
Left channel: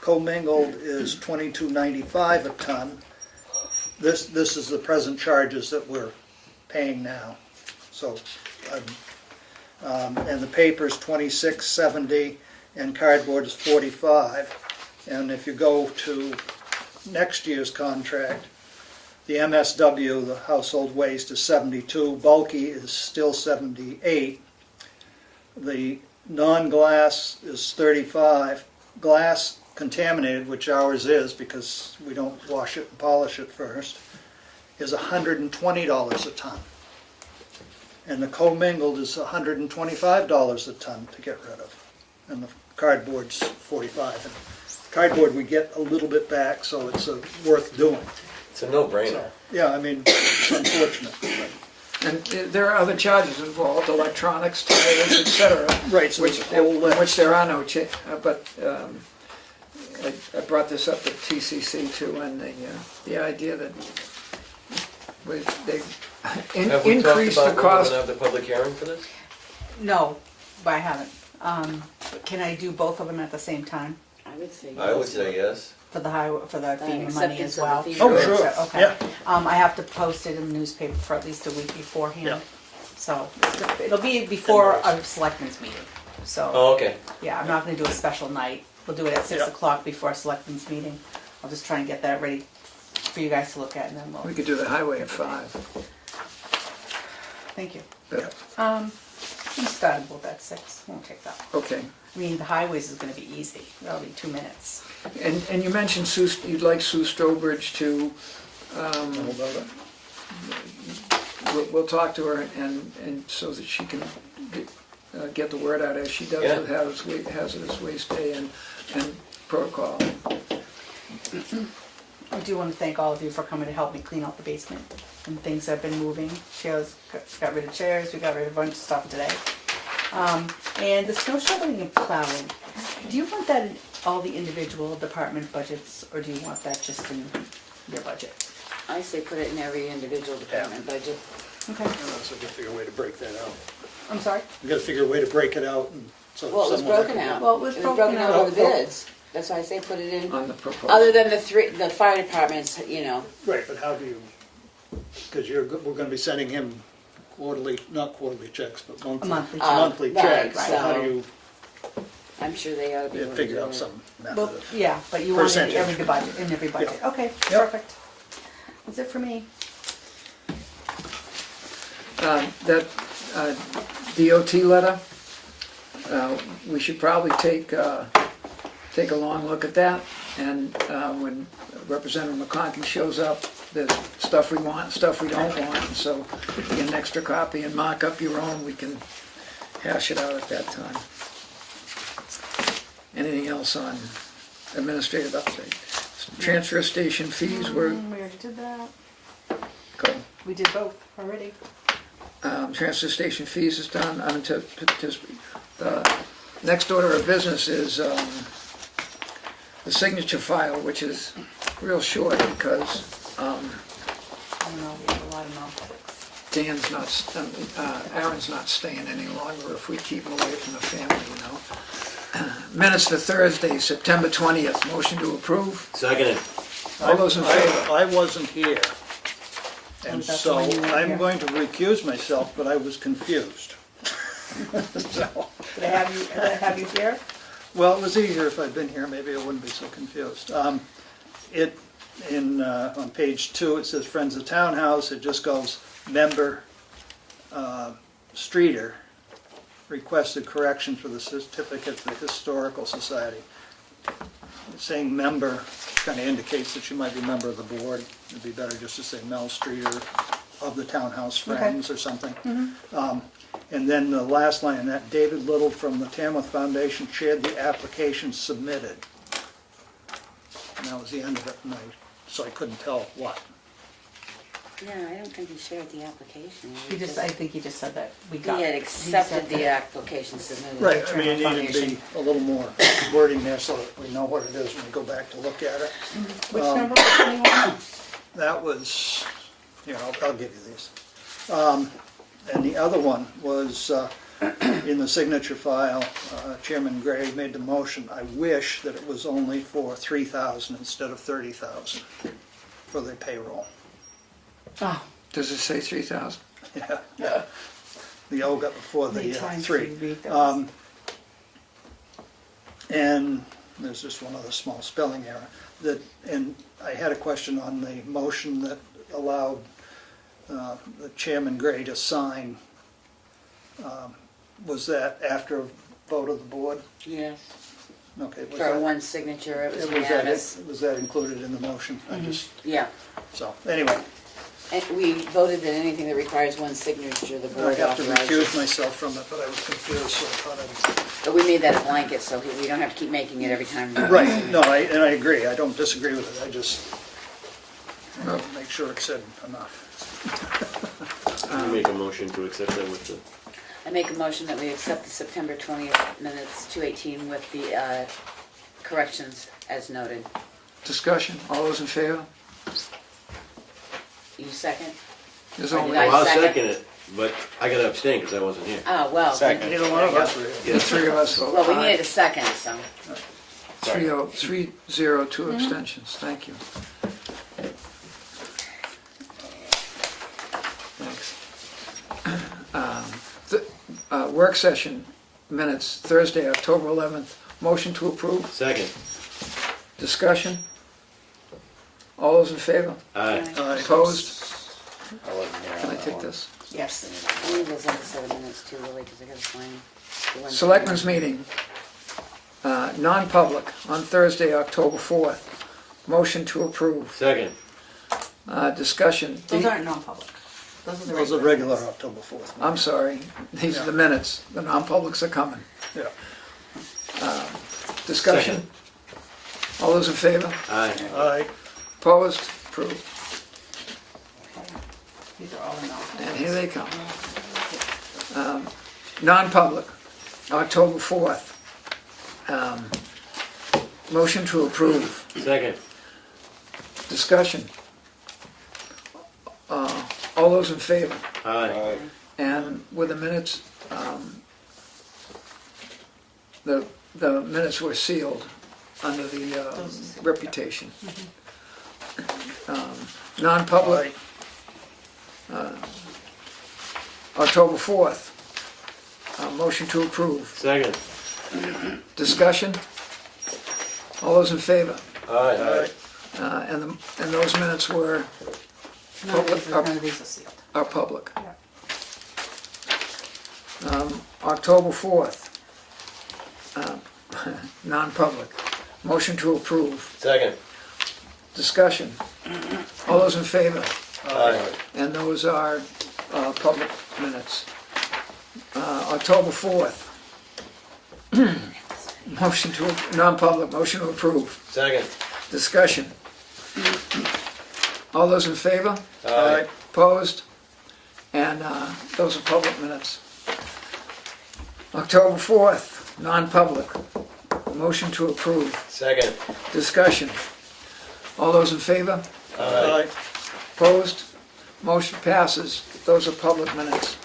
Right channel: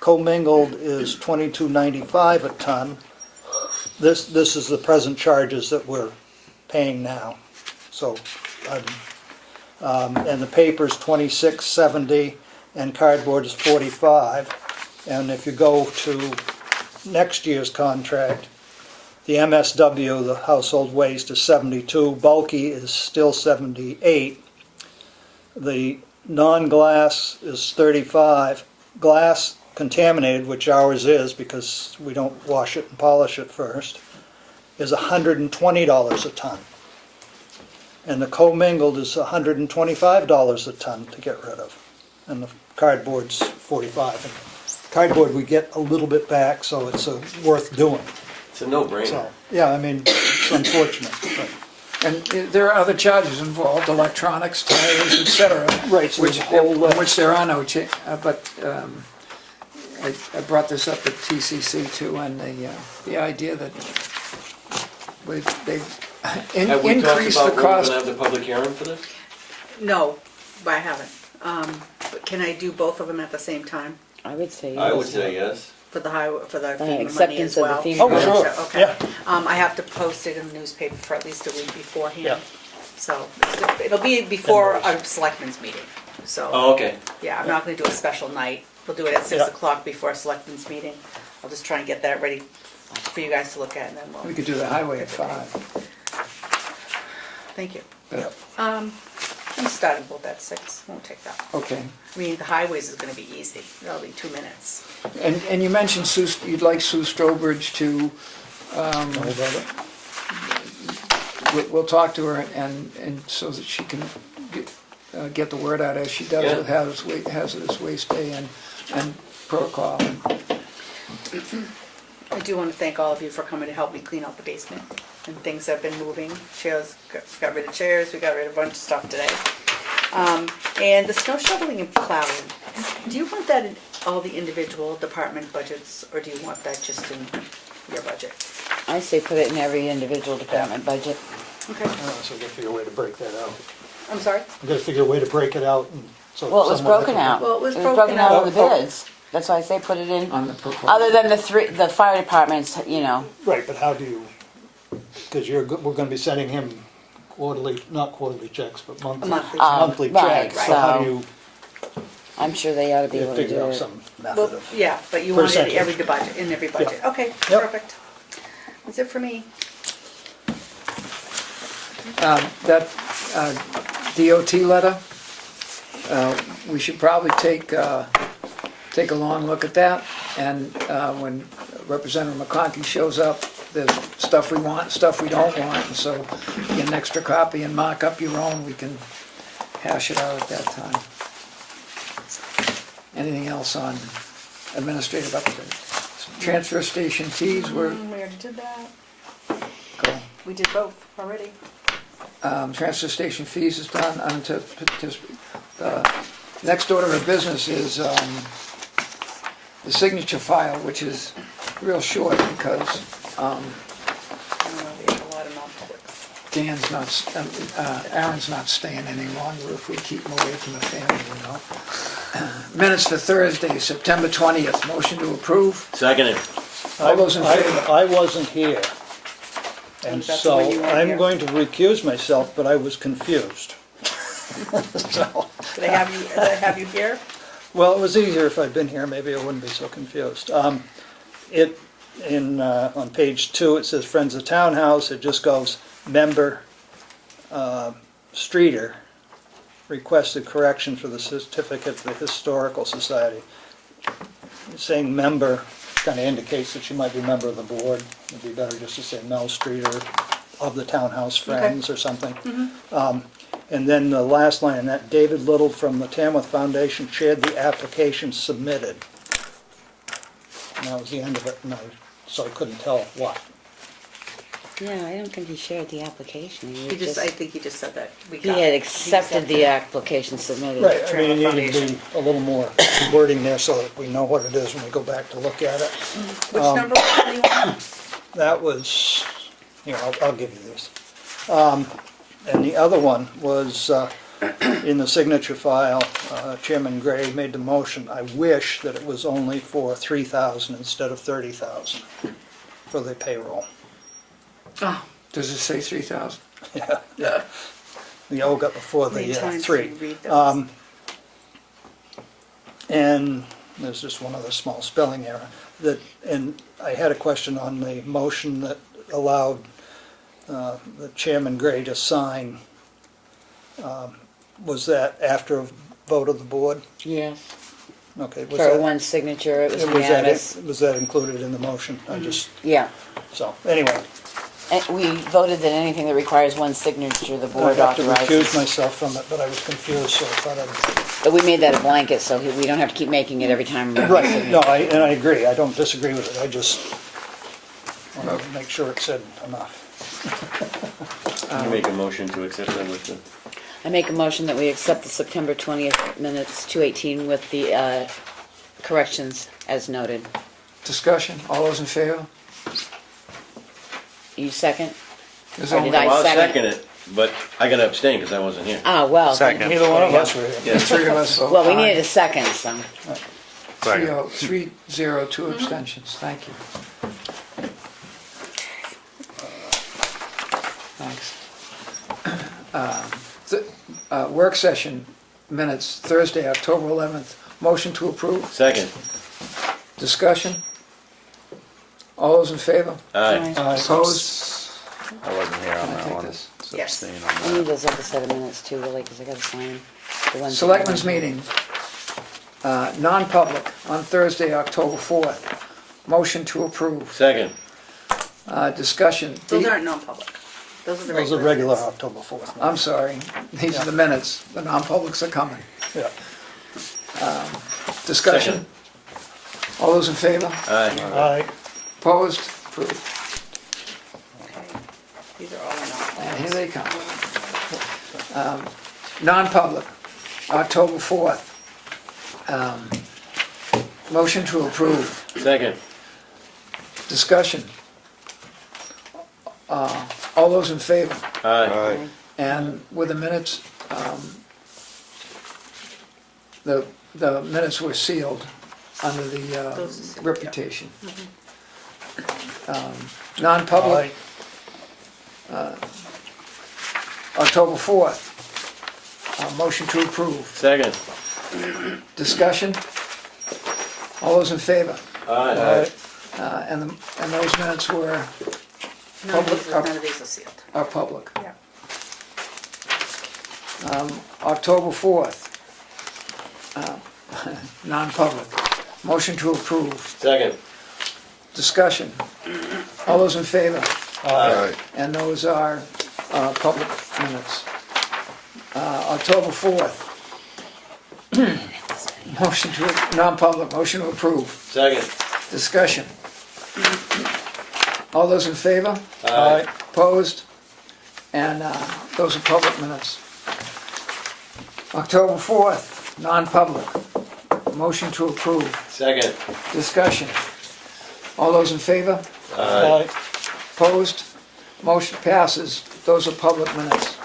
Commingled is $22.95 a ton. This is the present charges that we're paying now. So, and the paper's $26.70 and cardboard is $45. And if you go to next year's contract, the MSW, the household waste, is 72, bulky is still 78. The non-glass is 35. Glass contaminated, which ours is because we don't wash it and polish it first, is $120 a ton. And the commingled is $125 a ton to get rid of. And the cardboard's 45. And cardboard we get a little bit back, so it's worth doing. It's a no-brainer. So, yeah, I mean, it's unfortunate. But, And there are other charges involved, electronics, tires, et cetera. right, so Which, there's a whole list. which there are no, but I brought this up at TCC too, and the idea that they've Have we talked increased the about when we're cost. gonna have the public hearing for this? No, but I haven't. But can I do both of them at the same time? I would say yes. I would say yes. For the highway, for the FEMA money acceptance as of the well? FEMA Oh, money. sure. Okay. Yeah. I have to post it in the newspaper for at least a week beforehand. Yeah. So it'll be before a selectmen's meeting. So, Oh, okay. yeah, I'm not gonna do a special night. We'll do it at 6 Yeah. o'clock before a selectmen's meeting. I'll just try and get that ready for you guys to look at and then We we'll, could do the highway at 5. thank you. But, We started both at 6, won't take that. okay. I mean, the highways is gonna be easy. That'll be 2 minutes. And you mentioned you'd like Sue Strobridge to, we'll talk to her and so that she can get the word out as she does Yeah. with Hazardous Waste Day and protocol. I do want to thank all of you for coming to help me clean out the basement. And things have been moving. Shayla's got rid of chairs, we got rid of a bunch of stuff today. And the snow shoveling and plowing, do you want that in all the individual department budgets, or do you want that just in your budget? I say put it in every individual department budget. Okay, Yeah, so we gotta figure a way to break that out. I'm sorry? We gotta figure a way to break it out. And so Well, it was someone- broken out. Well, it was broken broken out out. over bids. That's why I say put it in, On the proposal. other than the fire departments, you know. Right, but how do you, because we're gonna be sending him quarterly, not quarterly checks, but monthly Monthly. monthly Right, checks. So how do so you I'm sure they ought to be able to figure do out it. some method Well, of? yeah, but you want it in Percentage. every budget, in every budget. Okay, Yep. perfect. That's it for me. That DOT letter, we should probably take a long look at that. And when Representative McConkey shows up, there's stuff we want, stuff we don't want. So get an extra copy and mock up your own, we can hash it out at that time. Anything else on administrative update? So transfer station fees, We already did that. go. We did both already. Transfer station fees is done. Next order of business is the signature file, which is real short because We have a lot of non-publics. Dan's not, Aaron's not staying any longer if we keep him away from the family, you know. Minutes for Thursday, September 20th. Motion to approve. Seconded. All those in favor? I wasn't here, and That's so when you weren't I'm here. going to recuse myself, but I was confused. So, Do they have you here? well, it was easier if I'd been here, maybe I wouldn't be so confused. On page 2, it says Friends of Townhouse, it just goes, member Streeter requested correction for the certificate of the Historical Society. Saying member kind of indicates that she might be a member of the board. It'd be better just to say Mel Streeter of the Townhouse Friends or something. And then the last line, that David Little from the Tamworth Foundation shared the application submitted. And that was the end of it, so I couldn't tell what. Yeah, I don't think he shared the application. He just, I think he just said that we He got. had accepted the application submitted. Right, I mean, you need to be a little more wording there so that we know what it is when we go back to look at it. Which number was you on? That was, here, I'll give you these. And the other one was in the signature file, Chairman Gray made the motion. I wish that it was only for 3,000 instead of 30,000 for the payroll. Oh, Does it say 3,000? Yeah, yeah. The O got before the many times do 3. you read those? And there's just one other small spelling error. And I had a question on the motion that allowed the Chairman Gray to sign. Was that after a vote of the board? Yes. Okay. For one signature, it was unanimous. Was that included in the motion? I just, Yeah. so, anyway, And we voted that anything that requires one signature, the I board have to recuse authorizes. myself from it, but I was confused, so I thought I'd... But we made that a blanket, so we don't have to keep making it every time. Right, no, and I agree, I don't disagree with it, I just want to make sure it said enough. You make a motion to accept that with the. I make a motion that we accept the September 20th minutes, 2:18, with the corrections as noted. Discussion, all those in favor? You second? There's Or only did I Well, I'll second? second it, but I gotta abstain because I wasn't here. Ah, well. Second. Neither one of us were here. the three of us vote Well, we aye. needed a second, so. 3-0, 2 abstentions, thank you. Thanks. Work session minutes, Thursday, October 11th. Motion to approve. Second. Discussion. All those in favor? Aye. Opposed? I wasn't here on Can I that take one. this? So Yes. abstain on I that. need those other 7 minutes too, really, because I gotta sign the ones. Selectmen's meeting, non-public, on Thursday, October 4th. Motion to approve. Second. Discussion. Those aren't non-public. Those are the Those are regular. regular October 4th. I'm sorry, these are the minutes, the non-publics are coming. Yeah. Discussion. All those in favor? Aye. Aye. Opposed? Approved. These are all non. And here they come. Non-public, October 4th. Motion to approve. Second. Discussion. All those in favor? Aye. And with the minutes, the minutes were sealed under the reputation. Non-public, October 4th. Motion to approve. Second. Discussion? All those in favor? Aye. And those minutes were, None of these are sealed. are public. Yeah. October 4th, non-public. Motion to approve. Second. Discussion. All those in favor? Aye. And those are public minutes. October 4th. Motion to, non-public, motion to approve. Second. Discussion. All those in favor? Aye. Opposed? And those are public minutes. October 4th, non-public. Motion to approve. Second. Discussion. All those in favor? Aye. Opposed? Motion passes. Those are public minutes.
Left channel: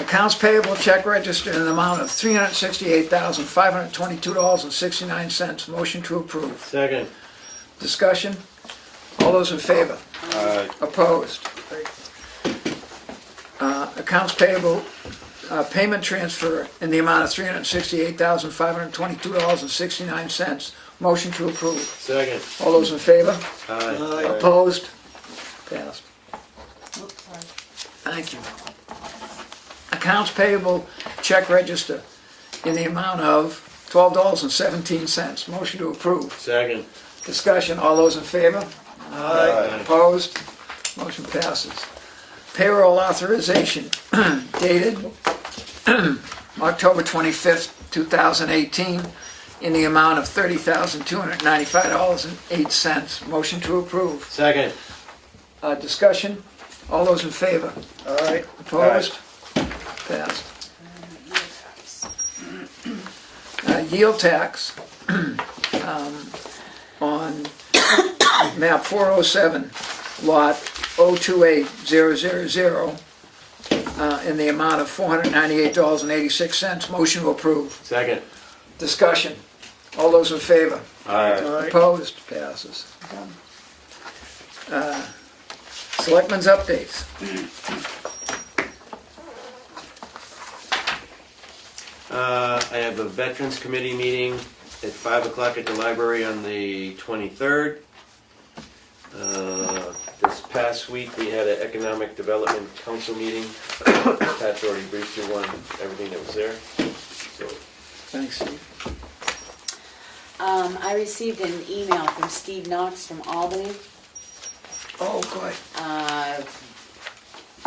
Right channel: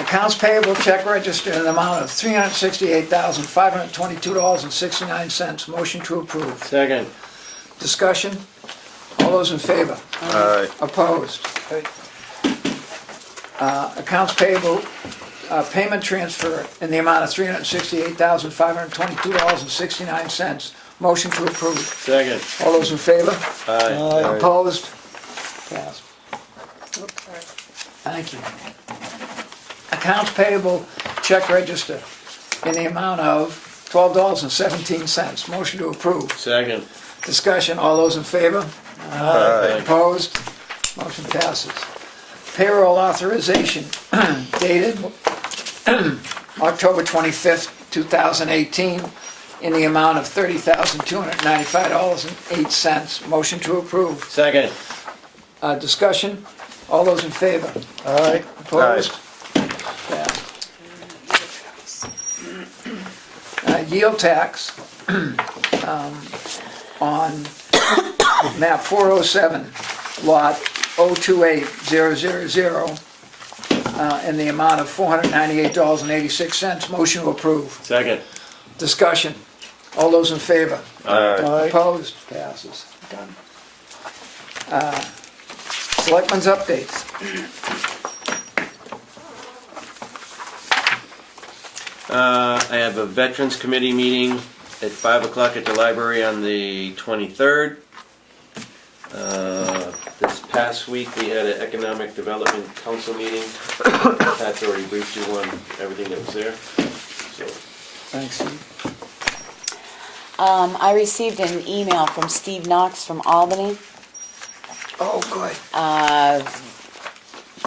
Accounts payable check register in the amount of $368,522.69. Motion to approve. Second. Discussion. All those in favor? Aye. Opposed? Accounts payable, payment transfer in the amount of $368,522.69. Motion to approve. Second. All those in favor? Aye. Opposed? Passed. Oops, sorry. Thank you. Accounts payable check register in the amount of $12.17. Motion to approve. Second. Discussion, all those in favor? Aye. Opposed? Motion passes. payroll authorization dated October 25th, 2018, in the amount of $30,295.08. Motion to approve. Second. Discussion? All those in favor? All right, Opposed? Passed. Yield tax on map 407, lot 028000, in the amount of $498.86. Motion to approve. Second. Discussion. All those in favor? all right. Opposed? Passes. Selectmen's updates. I have a Veterans Committee meeting at 5 o'clock at the library on the 23rd. This past week, we had an Economic Development Council meeting. Pat's already briefed you on everything that was there. So, Thanks. I received an email from Steve Knox from Albany. Oh, good.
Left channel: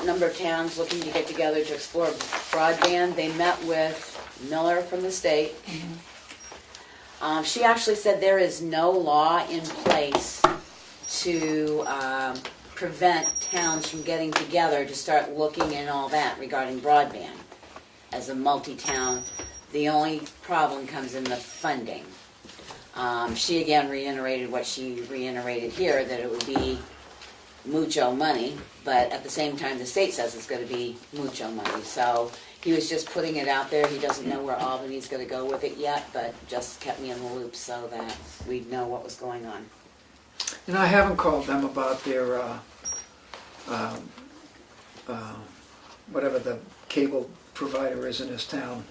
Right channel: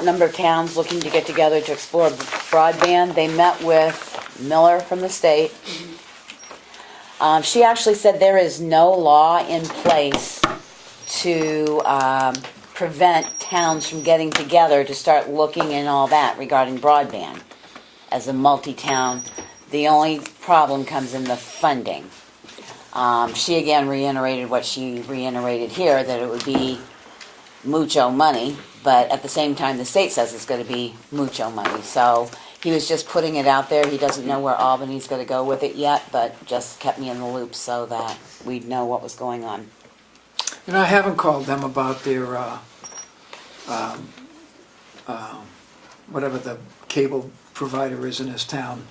Number of towns looking to get together to explore broadband. They met with Miller from the state. She actually said there is no law in place to prevent towns from getting together to start looking and all that regarding broadband as a multi-town. The only problem comes in the funding. She again reiterated what she reiterated here, that it would be mucho money, but at the same time the state says it's going to be mucho money. So he was just putting it out there. He doesn't know where Albany's going to go with it yet, but just kept me in the loop so that we'd know what was going on. And I haven't called them about their, whatever the cable provider is in this town,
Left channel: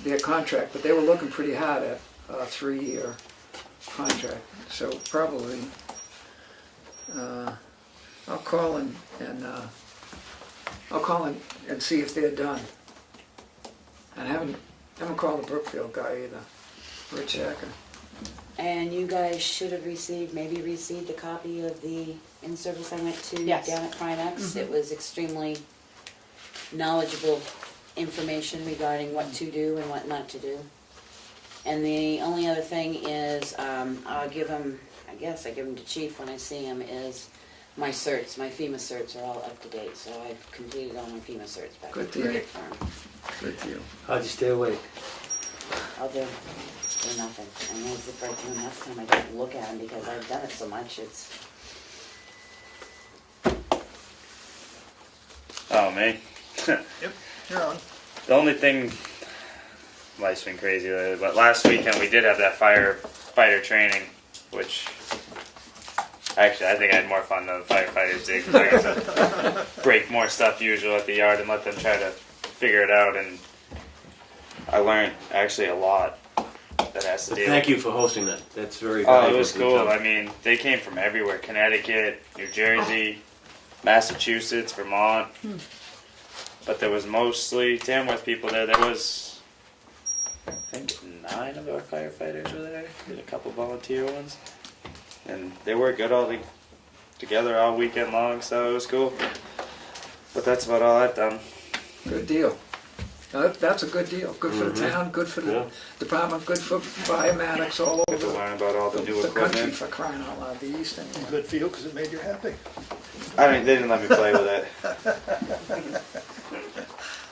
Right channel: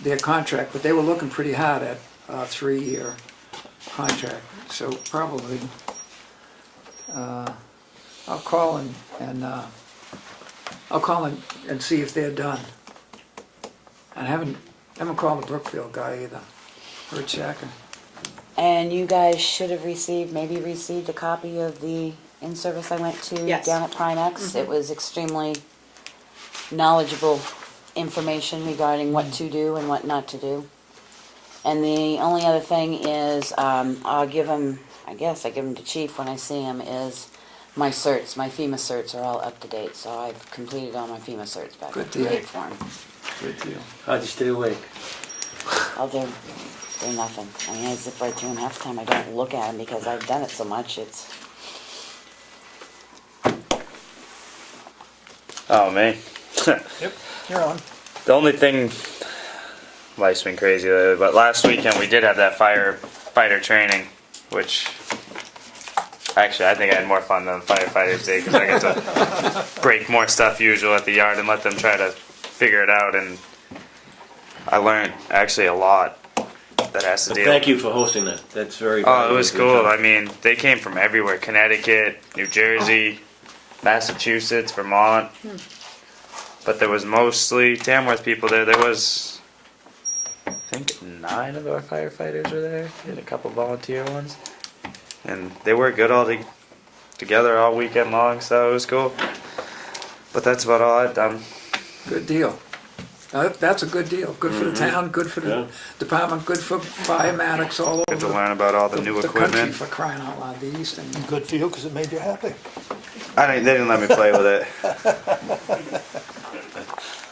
their contract, but they were looking pretty hard at a 3-year contract. So probably, I'll call and see if they're done. I haven't called the Brookfield guy either, Rich Hacker. And you guys should have maybe received a copy of the in-service I went to Yes. down at Primex. It was extremely knowledgeable information regarding what to do and what not to do. And the only other thing is, I'll give him, I guess I give him to Chief when I see him, is my certs, my FEMA certs are all up to date, so I've completed all my FEMA certs back Good up to deal. date for him. Good deal. how'd you stay awake? I'll do nothing. I mean, it's like 2.5 time I don't look at them because I've done it so much, it's, Oh, me. Yep, you're on. The only thing, life's been crazy lately, but last weekend we did have that firefighter training, which actually I think I had more fun than firefighters did because I got to break more stuff usual at the yard and let them try to figure it out, and I learned actually a lot that has to Well, deal thank you for hosting that. That's very Oh, it was valuable. cool. Good I job. mean, they came from everywhere. Connecticut, New Jersey, Massachusetts, Vermont. But there was mostly Tamworth people there. There was, I think, 9 of our firefighters were there, and a couple volunteer ones. And they worked good all together all weekend long, so it was cool. But that's about all I've done. Good deal. Now, that's a good deal. Good for the town, good for the Yeah. department, good for firematics all Got to over learn about all the new country, equipment. for crying out loud, the East. And Good for you, because it made you happy. They didn't let me play with it.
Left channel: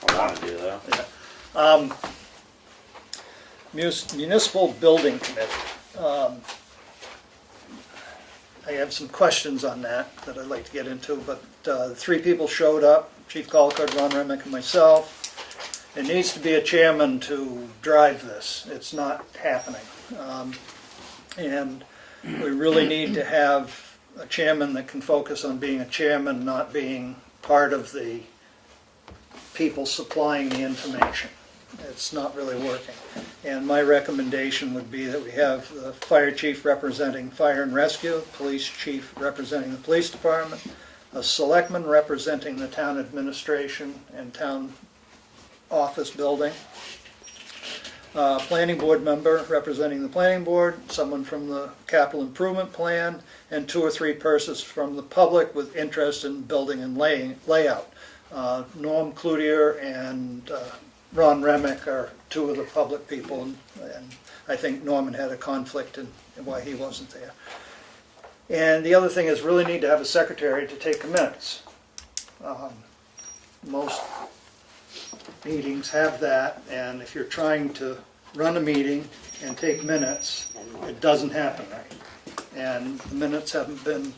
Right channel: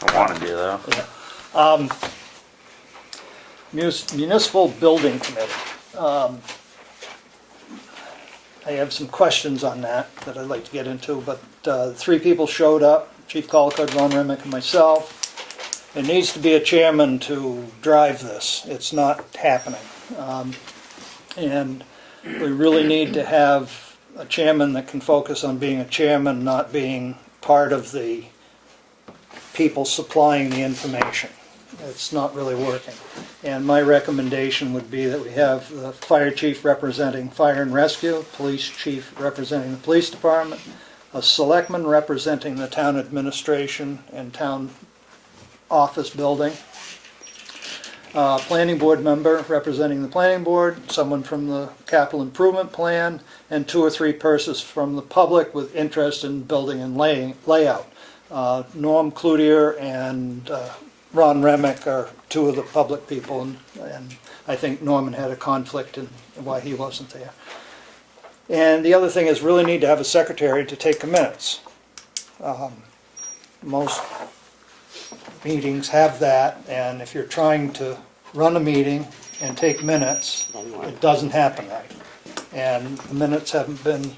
I want to do though. Municipal Building Committee. I have some questions on that I'd like to get into, but 3 people showed up, Chief Collicott, Ron Remick, and myself. There needs to be a chairman to drive this. It's not happening. And we really need to have a chairman that can focus on being a chairman, not being part of the people supplying the information. It's not really working. And my recommendation would be that we have the fire chief representing fire and rescue, police chief representing the police department, a selectman representing the town administration and town office building, planning board member representing the planning board, someone from the capital improvement plan, and 2 or 3 persons from the public with interest in building and layout. Norm Cloutier and Ron Remick are 2 of the public people, and I think Norman had a conflict in why he wasn't there. And the other thing is really need to have a secretary to take the minutes. Most meetings have that, and if you're trying to run a meeting and take minutes, it doesn't happen right. And the minutes haven't been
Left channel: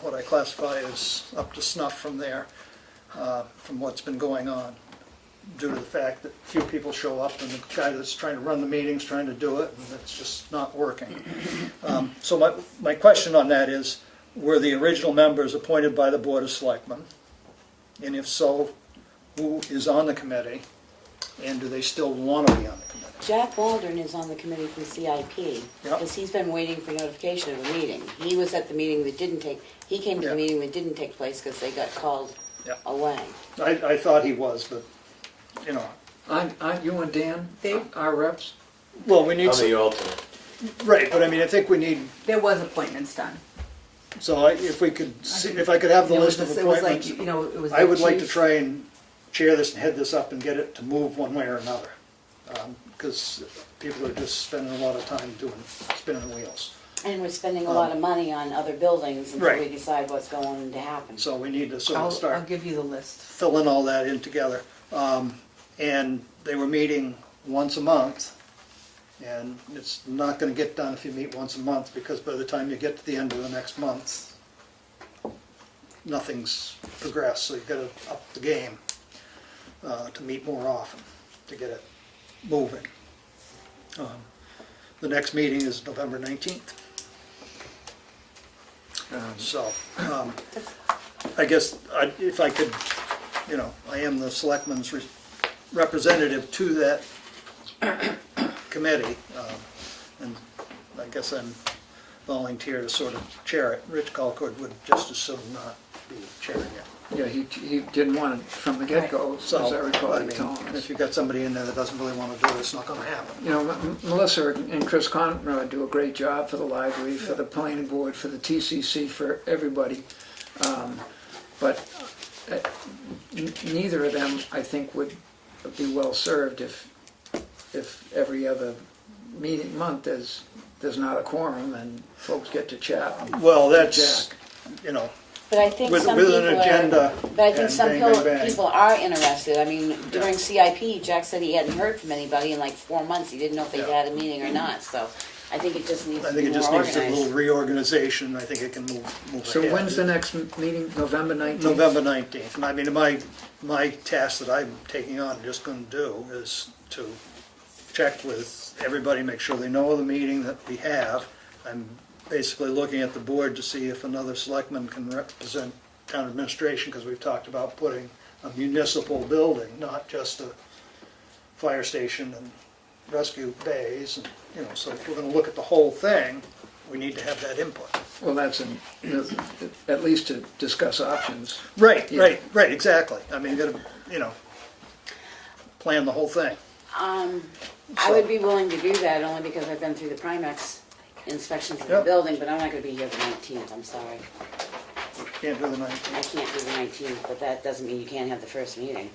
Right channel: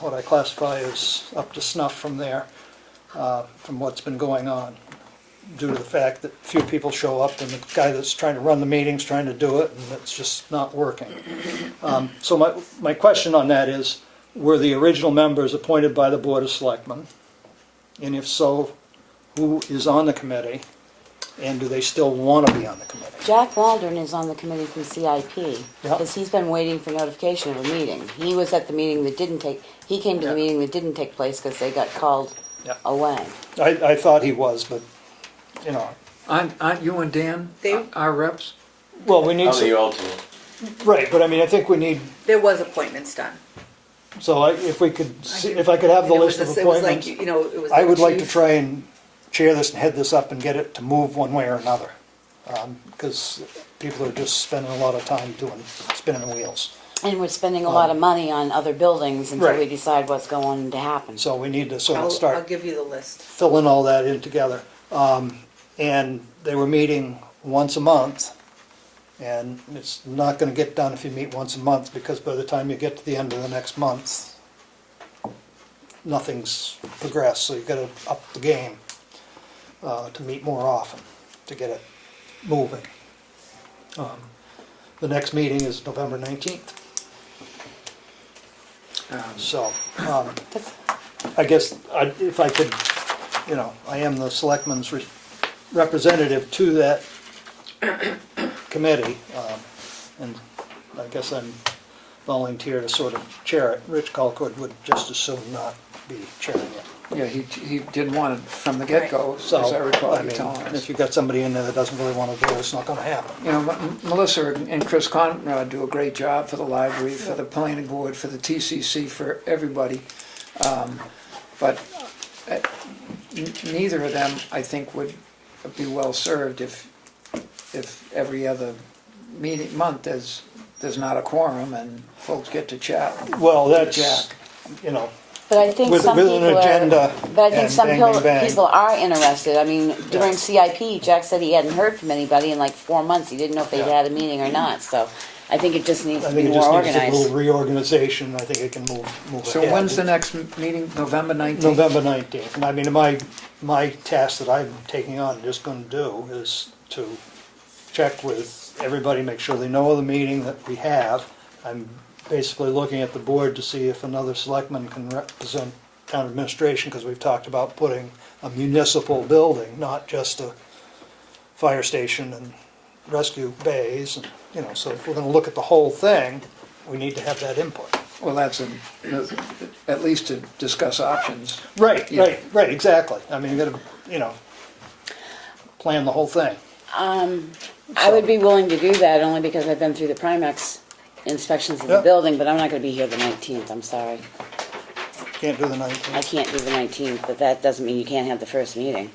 what I classify as up to snuff from there, from what's been going on, due to the fact that few people show up and the guy that's trying to run the meeting's trying to do it, and it's just not working. So my question on that is, were the original members appointed by the Board of Selectmen? And if so, who is on the committee? And do they still want to be on the committee? Jack Waldron is on the committee from CIP, Yep. because he's been waiting for notification of a meeting. He was at the meeting that didn't take, he came to the Yeah. meeting that didn't take place because they got called Yep. away. I thought he was, but, you know. Aren't you and Dan They- our reps? Well, we need I'm some, the alternate. right, but I mean, I think we need, There was appointments done. so if we could, if I could have the It list was of the- it was like, appointments, you know, it was I the would like to chief. try and chair this and head this up and get it to move one way or another. Because people are just spending a lot of time spinning the wheels. And we're spending a lot of money on other buildings until we Right. decide what's going to happen. So we need to sort of I'll start give you the list. filling all that in together. And they were meeting once a month, and it's not gonna get done if you meet once a month, because by the time you get to the end of the next month, nothing's progressed, so you've gotta up the game to meet more often, to get it moving. The next meeting is November 19th. So, I guess if I could, you know, I am the selectman's representative to that committee, and I guess I'm volunteer to sort of chair it. Rich Colcord would just as soon not be chairing it. Yeah, he didn't want it from the get-go, as So, I recall I you mean, telling us. if you've got somebody in there that doesn't really want to do it, it's not gonna happen. You know, Melissa and Chris Conrad do a great job for the library, for the planning board, for the TCC, for everybody. But neither of them, I think, would be well-served if every other month there's not a quorum and folks get to chat. Well, that's, Jack. you know, But I think with some an people agenda are, but I think and some bang, bang, bang. people are interested. I mean, during CIP, Jack said he hadn't heard from anybody in like 4 months. He didn't know if they'd Yeah. had a meeting or not. So I think it just needs I to think be it just more needs a little organized. reorganization. I think it can move So ahead. when's the next meeting, November 19th? November 19th. And I mean, my task that I'm taking on, just gonna do, is to check with everybody, make sure they know of the meeting that we have. I'm basically looking at the board to see if another selectman can represent town administration, because we've talked about putting a municipal building, not just a fire station and rescue bays, and, you know, so if we're gonna look at the whole thing, we need to have that input. Well, that's at least to discuss options. Right, Yeah. right, exactly. I mean, you gotta, you know, plan the whole thing. I would be willing to do that only because I've been through the Primex inspections of the Yep. building, but I'm not going to be here the 19th. I'm sorry. Can't do the I 19th. can't do the 19th, but that doesn't mean you can't have the first meeting.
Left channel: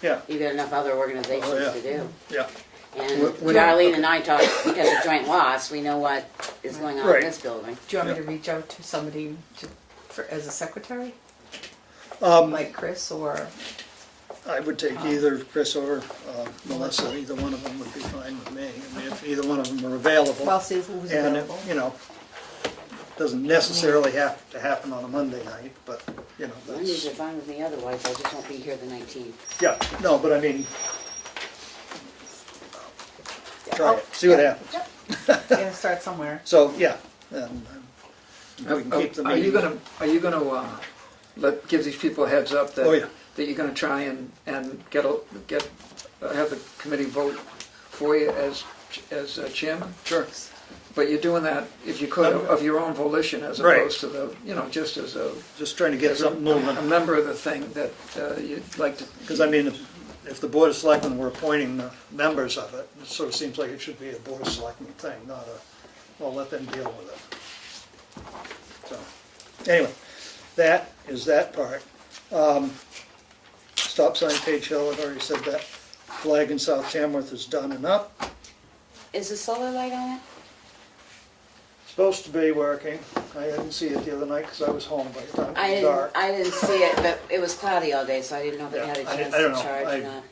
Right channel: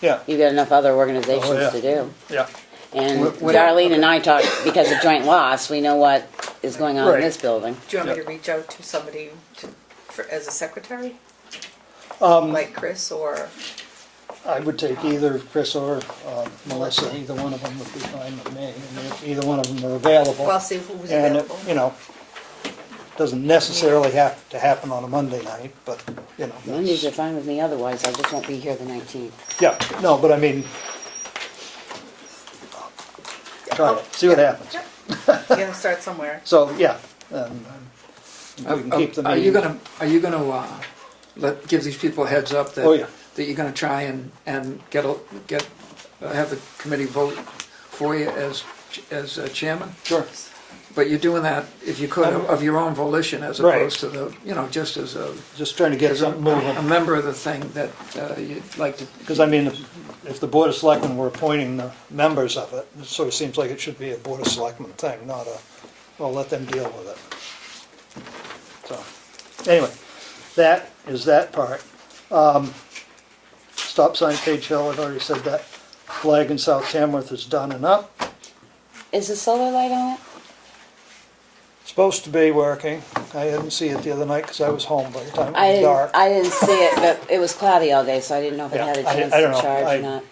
Yeah, You've got enough other organizations Oh, yeah. to do. yeah. And What- Darlene and I talk, because of joint loss, we know what is going on Right. in this building. Do you want me to reach out to somebody as a secretary? Um, Like Chris or? I would take either Chris or Melissa, either one of them would be fine with me. I mean, if either one of them are available. Well, I'll see if it was And, available. you know, doesn't necessarily have to happen on a Monday night, but, you know. Mondays are that's- fine with me otherwise, I just won't be here the 19th. Yeah, no, but I mean, try it, see what happens. You gotta start somewhere. So, yeah, and we can keep the Are you meeting. gonna give these people a heads up that Oh, yeah. that you're gonna try and have the committee vote for you as chairman? Sure. But you're doing that, if you could, of your own volition, as Right. opposed to the, you know, just as Just trying to get a something moving. member of the thing that you'd like to. Because I mean, if the Board of Selectmen were appointing the members of it, it sort of seems like it should be a Board of Selectmen thing, not a, well, let them deal with it. So, anyway, that is that part. Stop sign Page Hill, I've already said that. Flag in South Tamworth is done and up. Is the solar light on it? Supposed to be working. I didn't see it the other night because I was home by the time it was dark. I didn't see it, but it was cloudy all day, so I didn't know if it Yeah, had a I chance don't know. to charge or not.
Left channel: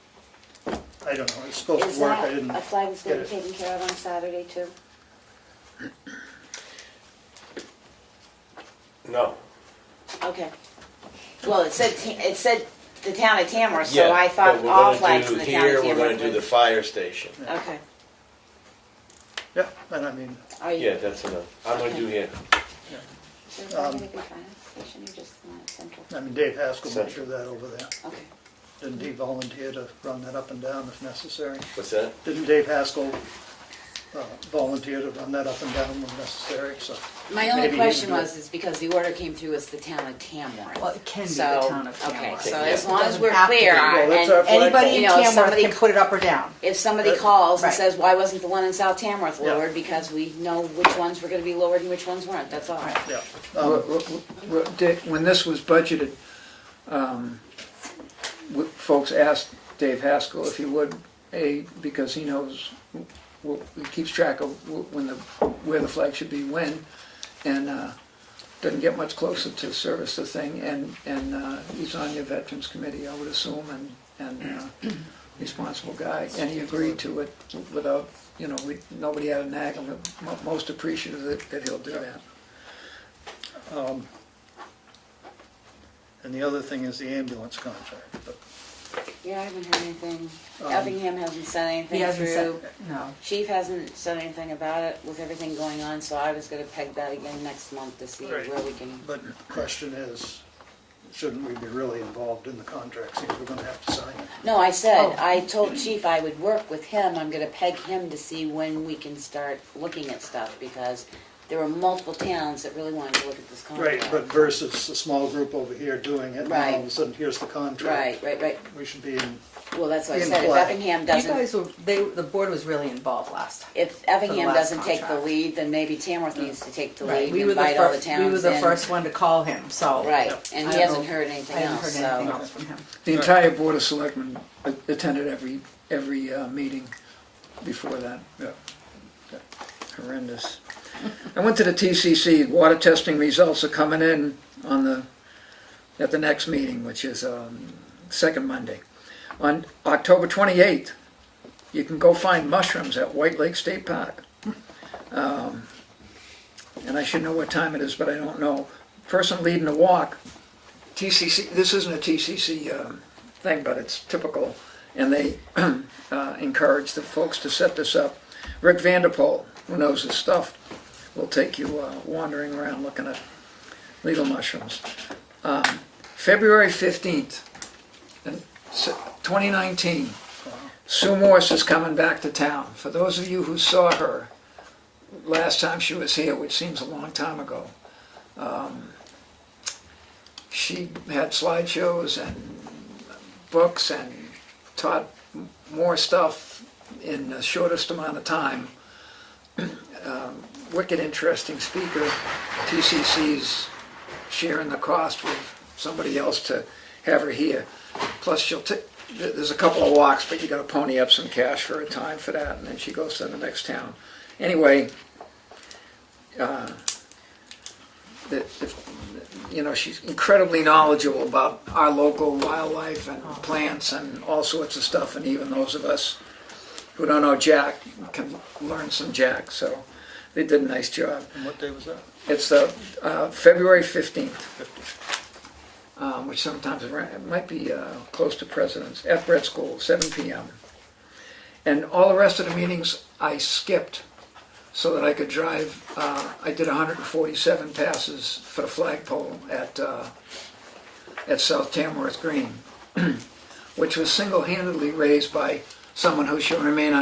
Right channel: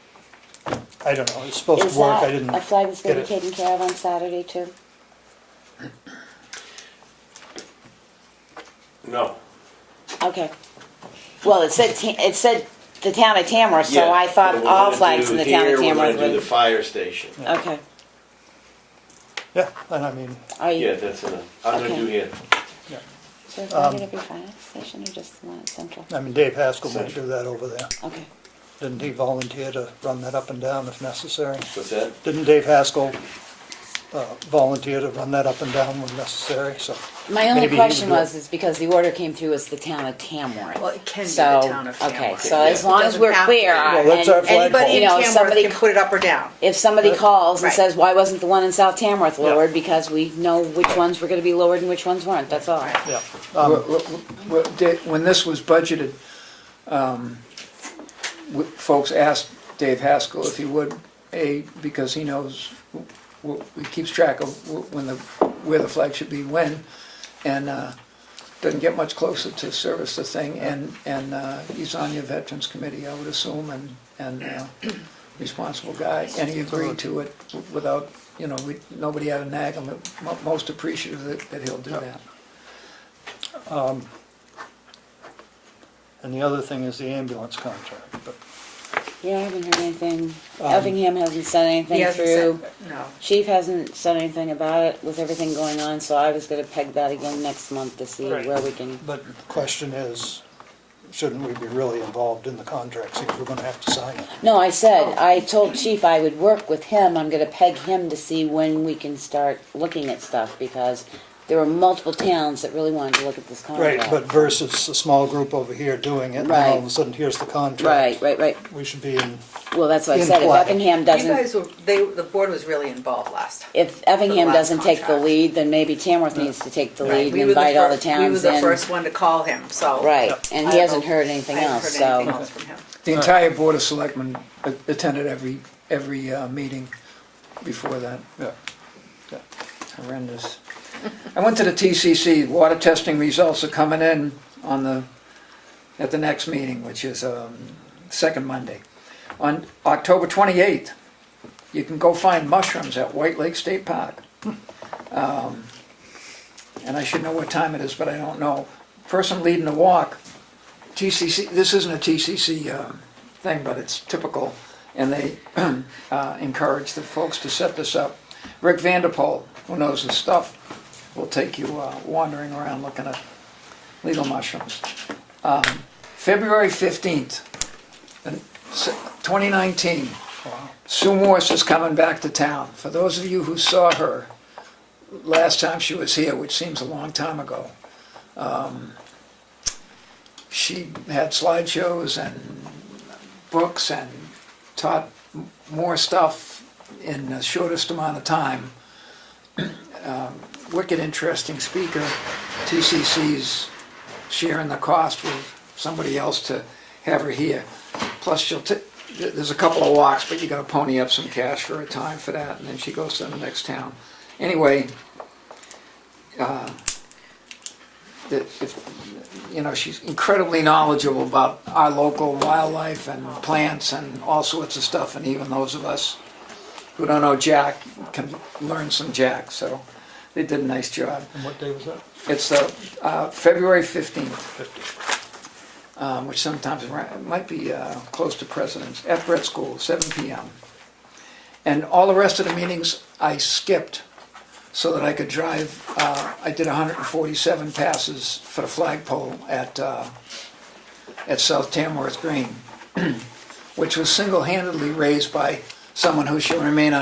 I don't know, it's supposed Is to work, I that didn't a flag that's gonna get be it. taken care of on Saturday too? No. Okay. Well, it said the town of Tamworth, so Yeah, I but thought we're all gonna flags do in the town here, of we're Tamworth gonna do the would. fire station. Okay. Yeah, and I mean, Are you? Yeah, that's enough. I'm gonna Okay. do here. So is it gonna be fire station or just Land Central? I mean, Dave Haskell may do that over there. Okay. Didn't he volunteer to run that up and down if necessary? What's that? Didn't Dave Haskell volunteer to run that up and down when necessary, so. My only maybe he question would do it. was, is because the order came through as the town of Tamworth. Well, it can be the So, town of okay, Tamworth. so as Yeah. long It as doesn't we're have to clear, be. Well, that's our and flag Anybody pole. in You know, Tamworth somebody- can put it up or down. if somebody calls and Right. says, why wasn't the one in South Tamworth Yeah. lowered, because we know which ones were gonna be lowered and which ones weren't, that's all. Yeah. When this was budgeted, folks asked Dave Haskell if he would, because he knows, he keeps track of where the flag should be when, and doesn't get much closer to service the thing, and he's on your Veterans Committee, I would assume, and responsible guy, and he agreed to it without, nobody had to nag him, most appreciative that he'll do that. And the other thing is the ambulance contract, but Yeah, I haven't heard anything, Effingham hasn't sent He anything hasn't through. said, no. Chief hasn't said anything about it with everything going on, so I was gonna peg that again next month to see Right. where we can. But the question is, shouldn't we be really involved in the contract, since we're gonna have to sign it? No, I said, I told Chief I would work with him, I'm gonna peg him to see when we can start looking at stuff, because there were multiple towns that really wanted to look at this Right, contract. but versus a small group over here doing it, and then all of a sudden, here's the contract. Right, We should be in, well, that's what I In said, if play. Effingham You doesn't, guys were, the board was really involved last time. if Effingham last doesn't take the contract. lead, then maybe Tamworth needs to take the lead and We were the invite all the first- We were towns the in. first one to call him, so. Right, and I he don't hasn't know. heard anything I haven't else, heard anything so. else from him. The entire Board of Selectmen attended every meeting before that. yeah. Horrendous. I went to the TCC, water testing results are coming in at the next meeting, which is second Monday. On October 28th, you can go find mushrooms at White Lake State Park. And I should know what time it is, but I don't know. Person leading the walk, TCC, this isn't a TCC thing, but it's typical, and they encourage the folks to set this up. Rick Vanderpool, who knows his stuff, will take you wandering around looking at legal mushrooms. February 15th, 2019, Sue Morse is coming back to town. For those of you who saw her last time she was here, which seems a long time ago, she had slideshows and books and taught more stuff in the shortest amount of time. Wicked interesting speaker. TCC's sharing the cost with somebody else to have her here. Plus, there's a couple of walks, but you got to pony up some cash for a time for that, and then she goes to the next town. Anyway, she's incredibly knowledgeable about our local wildlife and plants and all sorts of stuff, and even those of us who don't know Jack can learn some Jack, so they did a nice job. And what day was that? It's February 15th, which sometimes might be close to President's, at Brett School, 7 p.m. And all the rest of the meetings I skipped so that I could drive. I did 147 passes for the flagpole at South Tamworth Green, which was single-handedly raised by someone who should remain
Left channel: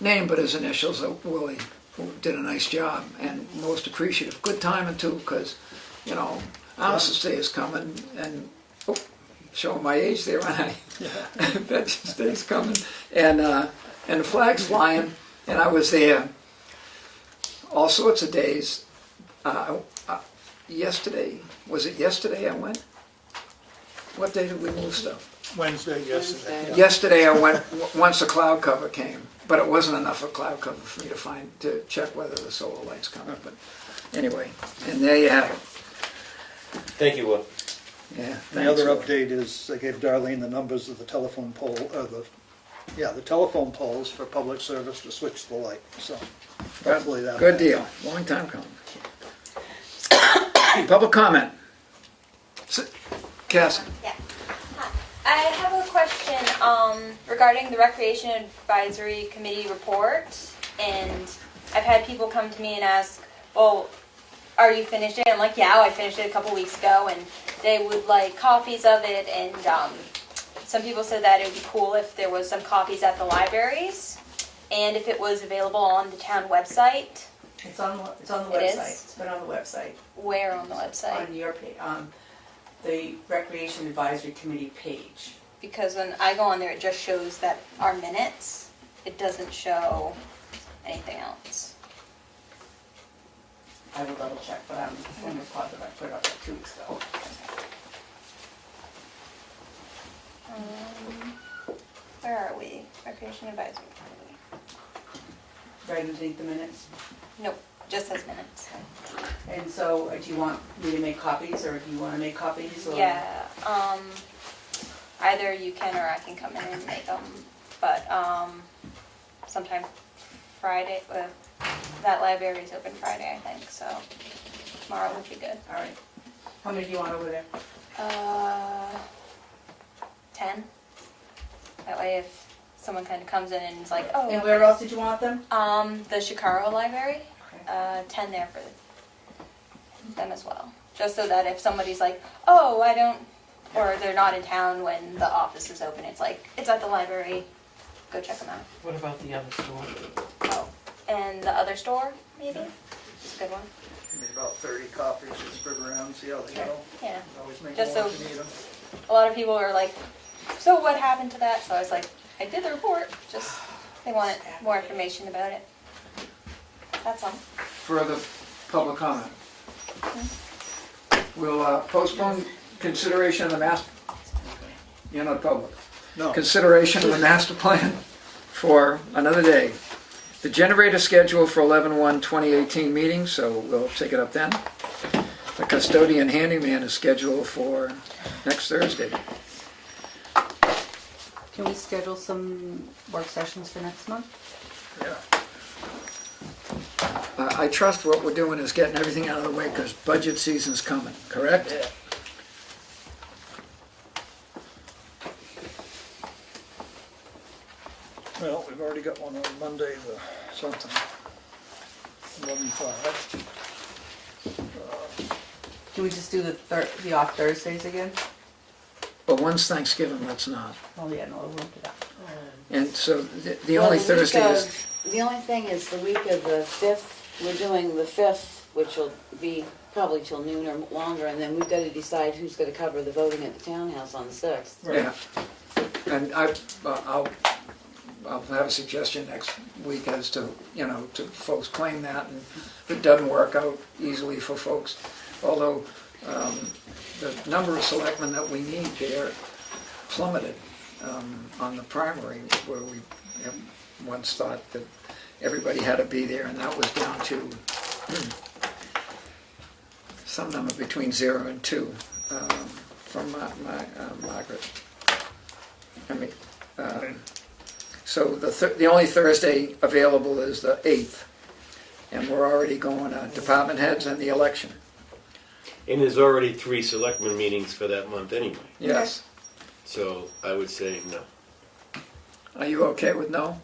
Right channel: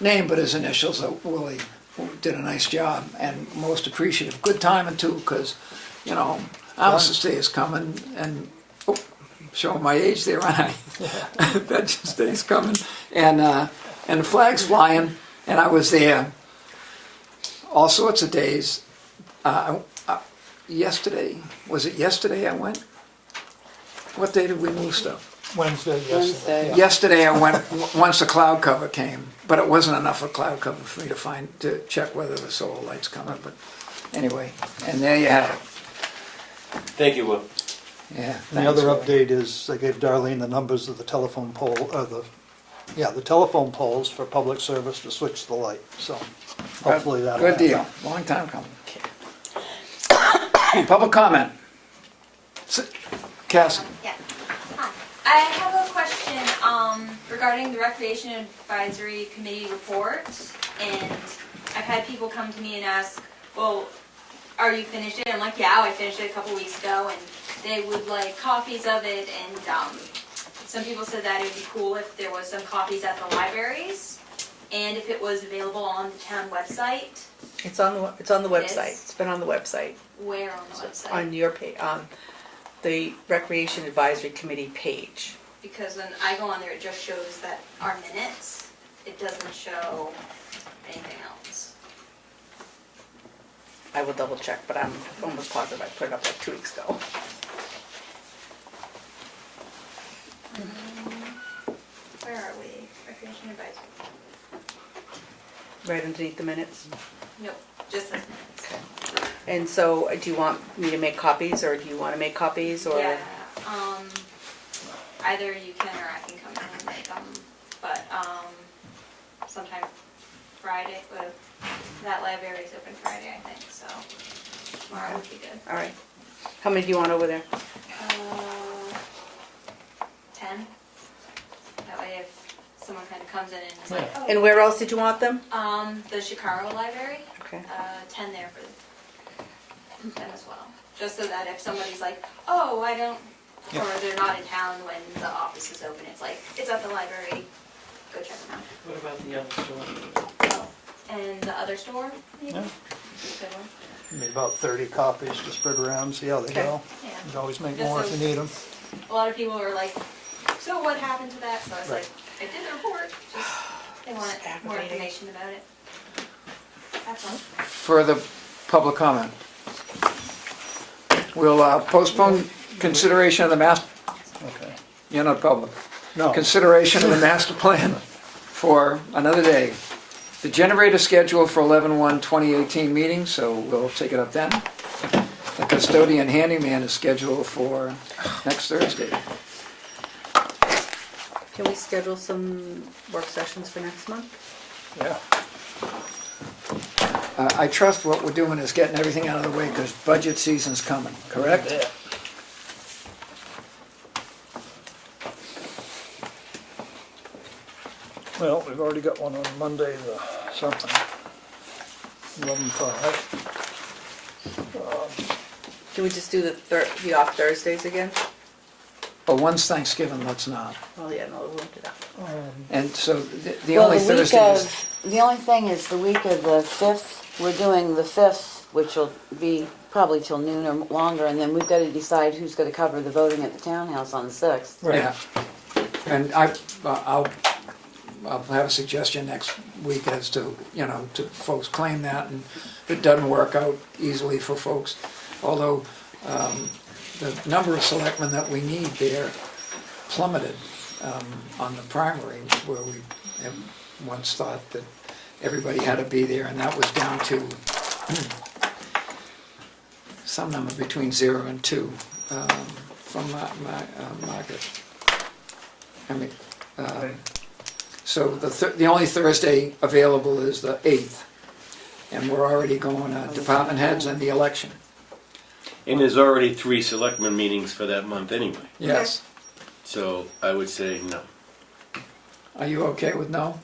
unnamed, but his initials are Willie, who did a nice job and most appreciative. Good timing too, because, Armistice Day is coming, and showing my age there, aren't I? Veterans Day's coming, and the flag's flying, and I was there all sorts of days. Yesterday, was it yesterday I went? What day did we move stuff? Wednesday, yesterday. Yesterday I went once the cloud cover came, but it wasn't enough of cloud cover for me to check whether the solar light's coming. But anyway, and there you have it. Thank you, Will. Yeah. And the other thanks. update is I gave Darlene the numbers of the telephone pole, the telephone poles for public service to switch the light, so hopefully that'll Good happen. deal. Long time coming. Public comment. Cass. Yeah. Hi. I have a question regarding the Recreation Advisory Committee report, and I've had people come to me and ask, well, are you finished it? I'm like, yeah, I finished it a couple weeks ago, and they would like copies of it, and some people said that it would be cool if there was some copies at the libraries, and if it was available on the town website. It's on the It website. is? It's been on the website. Where on the website? On your page, the Recreation Advisory Committee page. Because when I go on there, it just shows that our minutes. It doesn't show anything else. I will double check, but I'm almost positive I put it up like 2 weeks ago. Where are we? Recreation Advisory. Right underneath the minutes. Nope, just says minutes. Okay. And so, do you want me to make copies, or do you want to make copies, or? Yeah, either you can or I can come in and make them, but, sometime Friday, that library is open Friday, I think, so tomorrow would be good. All right. How many do you want over there? 10. That way if someone kind of comes in and is like, oh. And where else did you want them? The Chicago Library, Okay. 10 there for them as well. Just so that if somebody's like, oh, I don't, or they're not in town when the office is open, it's like, it's at the library, go check them out. What about the other store? Oh, and the other store, maybe? Yeah. Good one. Maybe about 30 copies to spread around, see how they go. Yeah. You can always make Just more so- if you need them. A lot of people are like, so what happened to that? So I was like, I did the report, just, they want more information about it. That's all. Further public comment. We'll postpone consideration of the master, Okay. you're not public. No, Consideration of the master plan for another day. The generator schedule for 11/1/2018 meeting, so we'll take it up then. The custodian handyman is scheduled for next Thursday. Can we schedule some work sessions for next month? yeah. I trust what we're doing is getting everything out of the way because budget season's coming, correct? Yeah. Well, we've already got one on Monday, the something, 11/5. Do we just do the off Thursdays again? But one's Thanksgiving, let's not. Oh, yeah, no, we'll do that. And so the Well, only the week Thursday is, of, the only thing is the week of the 5th, we're doing the 5th, which will be probably till noon or longer, and then we've got to decide who's going to cover the voting at the townhouse on the 6th. yeah. And I'll have a suggestion next week as to, to folks claim that, and if it doesn't work out easily for folks, although the number of selectmen that we need there plummeted on the primary, where we have once thought that everybody had to be there, and that was down to some number between 0 and 2 from Margaret. So the only Thursday available is the 8th, and we're already going department heads and the election. And there's already 3 selectmen meetings for that month anyway. Yes. So I would say no. Are you okay with no?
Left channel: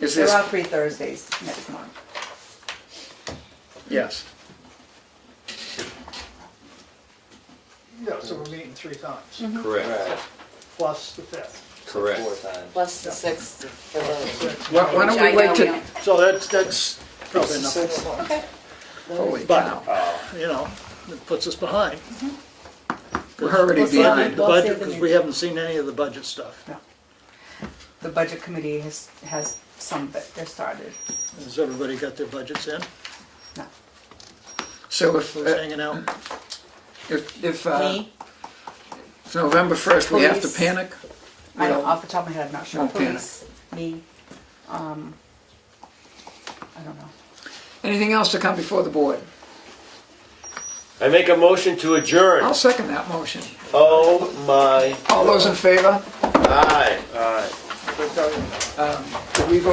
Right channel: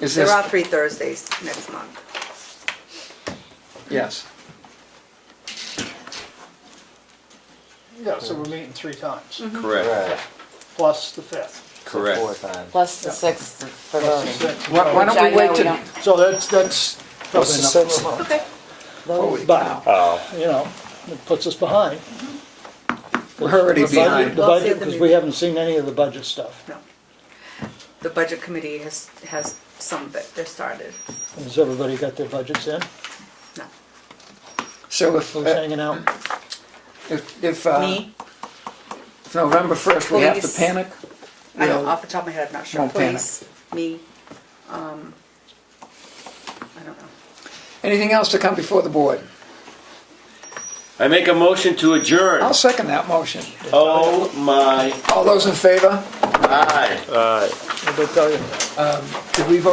Is There this, are 3 Thursdays next month. yes. Yeah, so we're meeting 3 times, Correct. plus the 5th. Correct. Plus the 6th for voting. Why Which I don't we know wait we till, don't. So that's probably enough for a month. holy But- cow. Oh, You know, it puts us behind. We're already We'll see. behind. The We'll see budget, at the because we meeting. haven't seen any of the budget stuff. The budget committee has some that they've started. Has everybody got their budgets in? No. So Who's hanging out? if Me, November 1st, we have to Police. panic, I don't, we'll- off the top of my head, I'm not sure. Won't panic. Police, me, I don't know. anything else to come before the board? I make a motion to adjourn. I'll second that motion. Oh my, All those in favor? aye. What did I tell you? Did we vote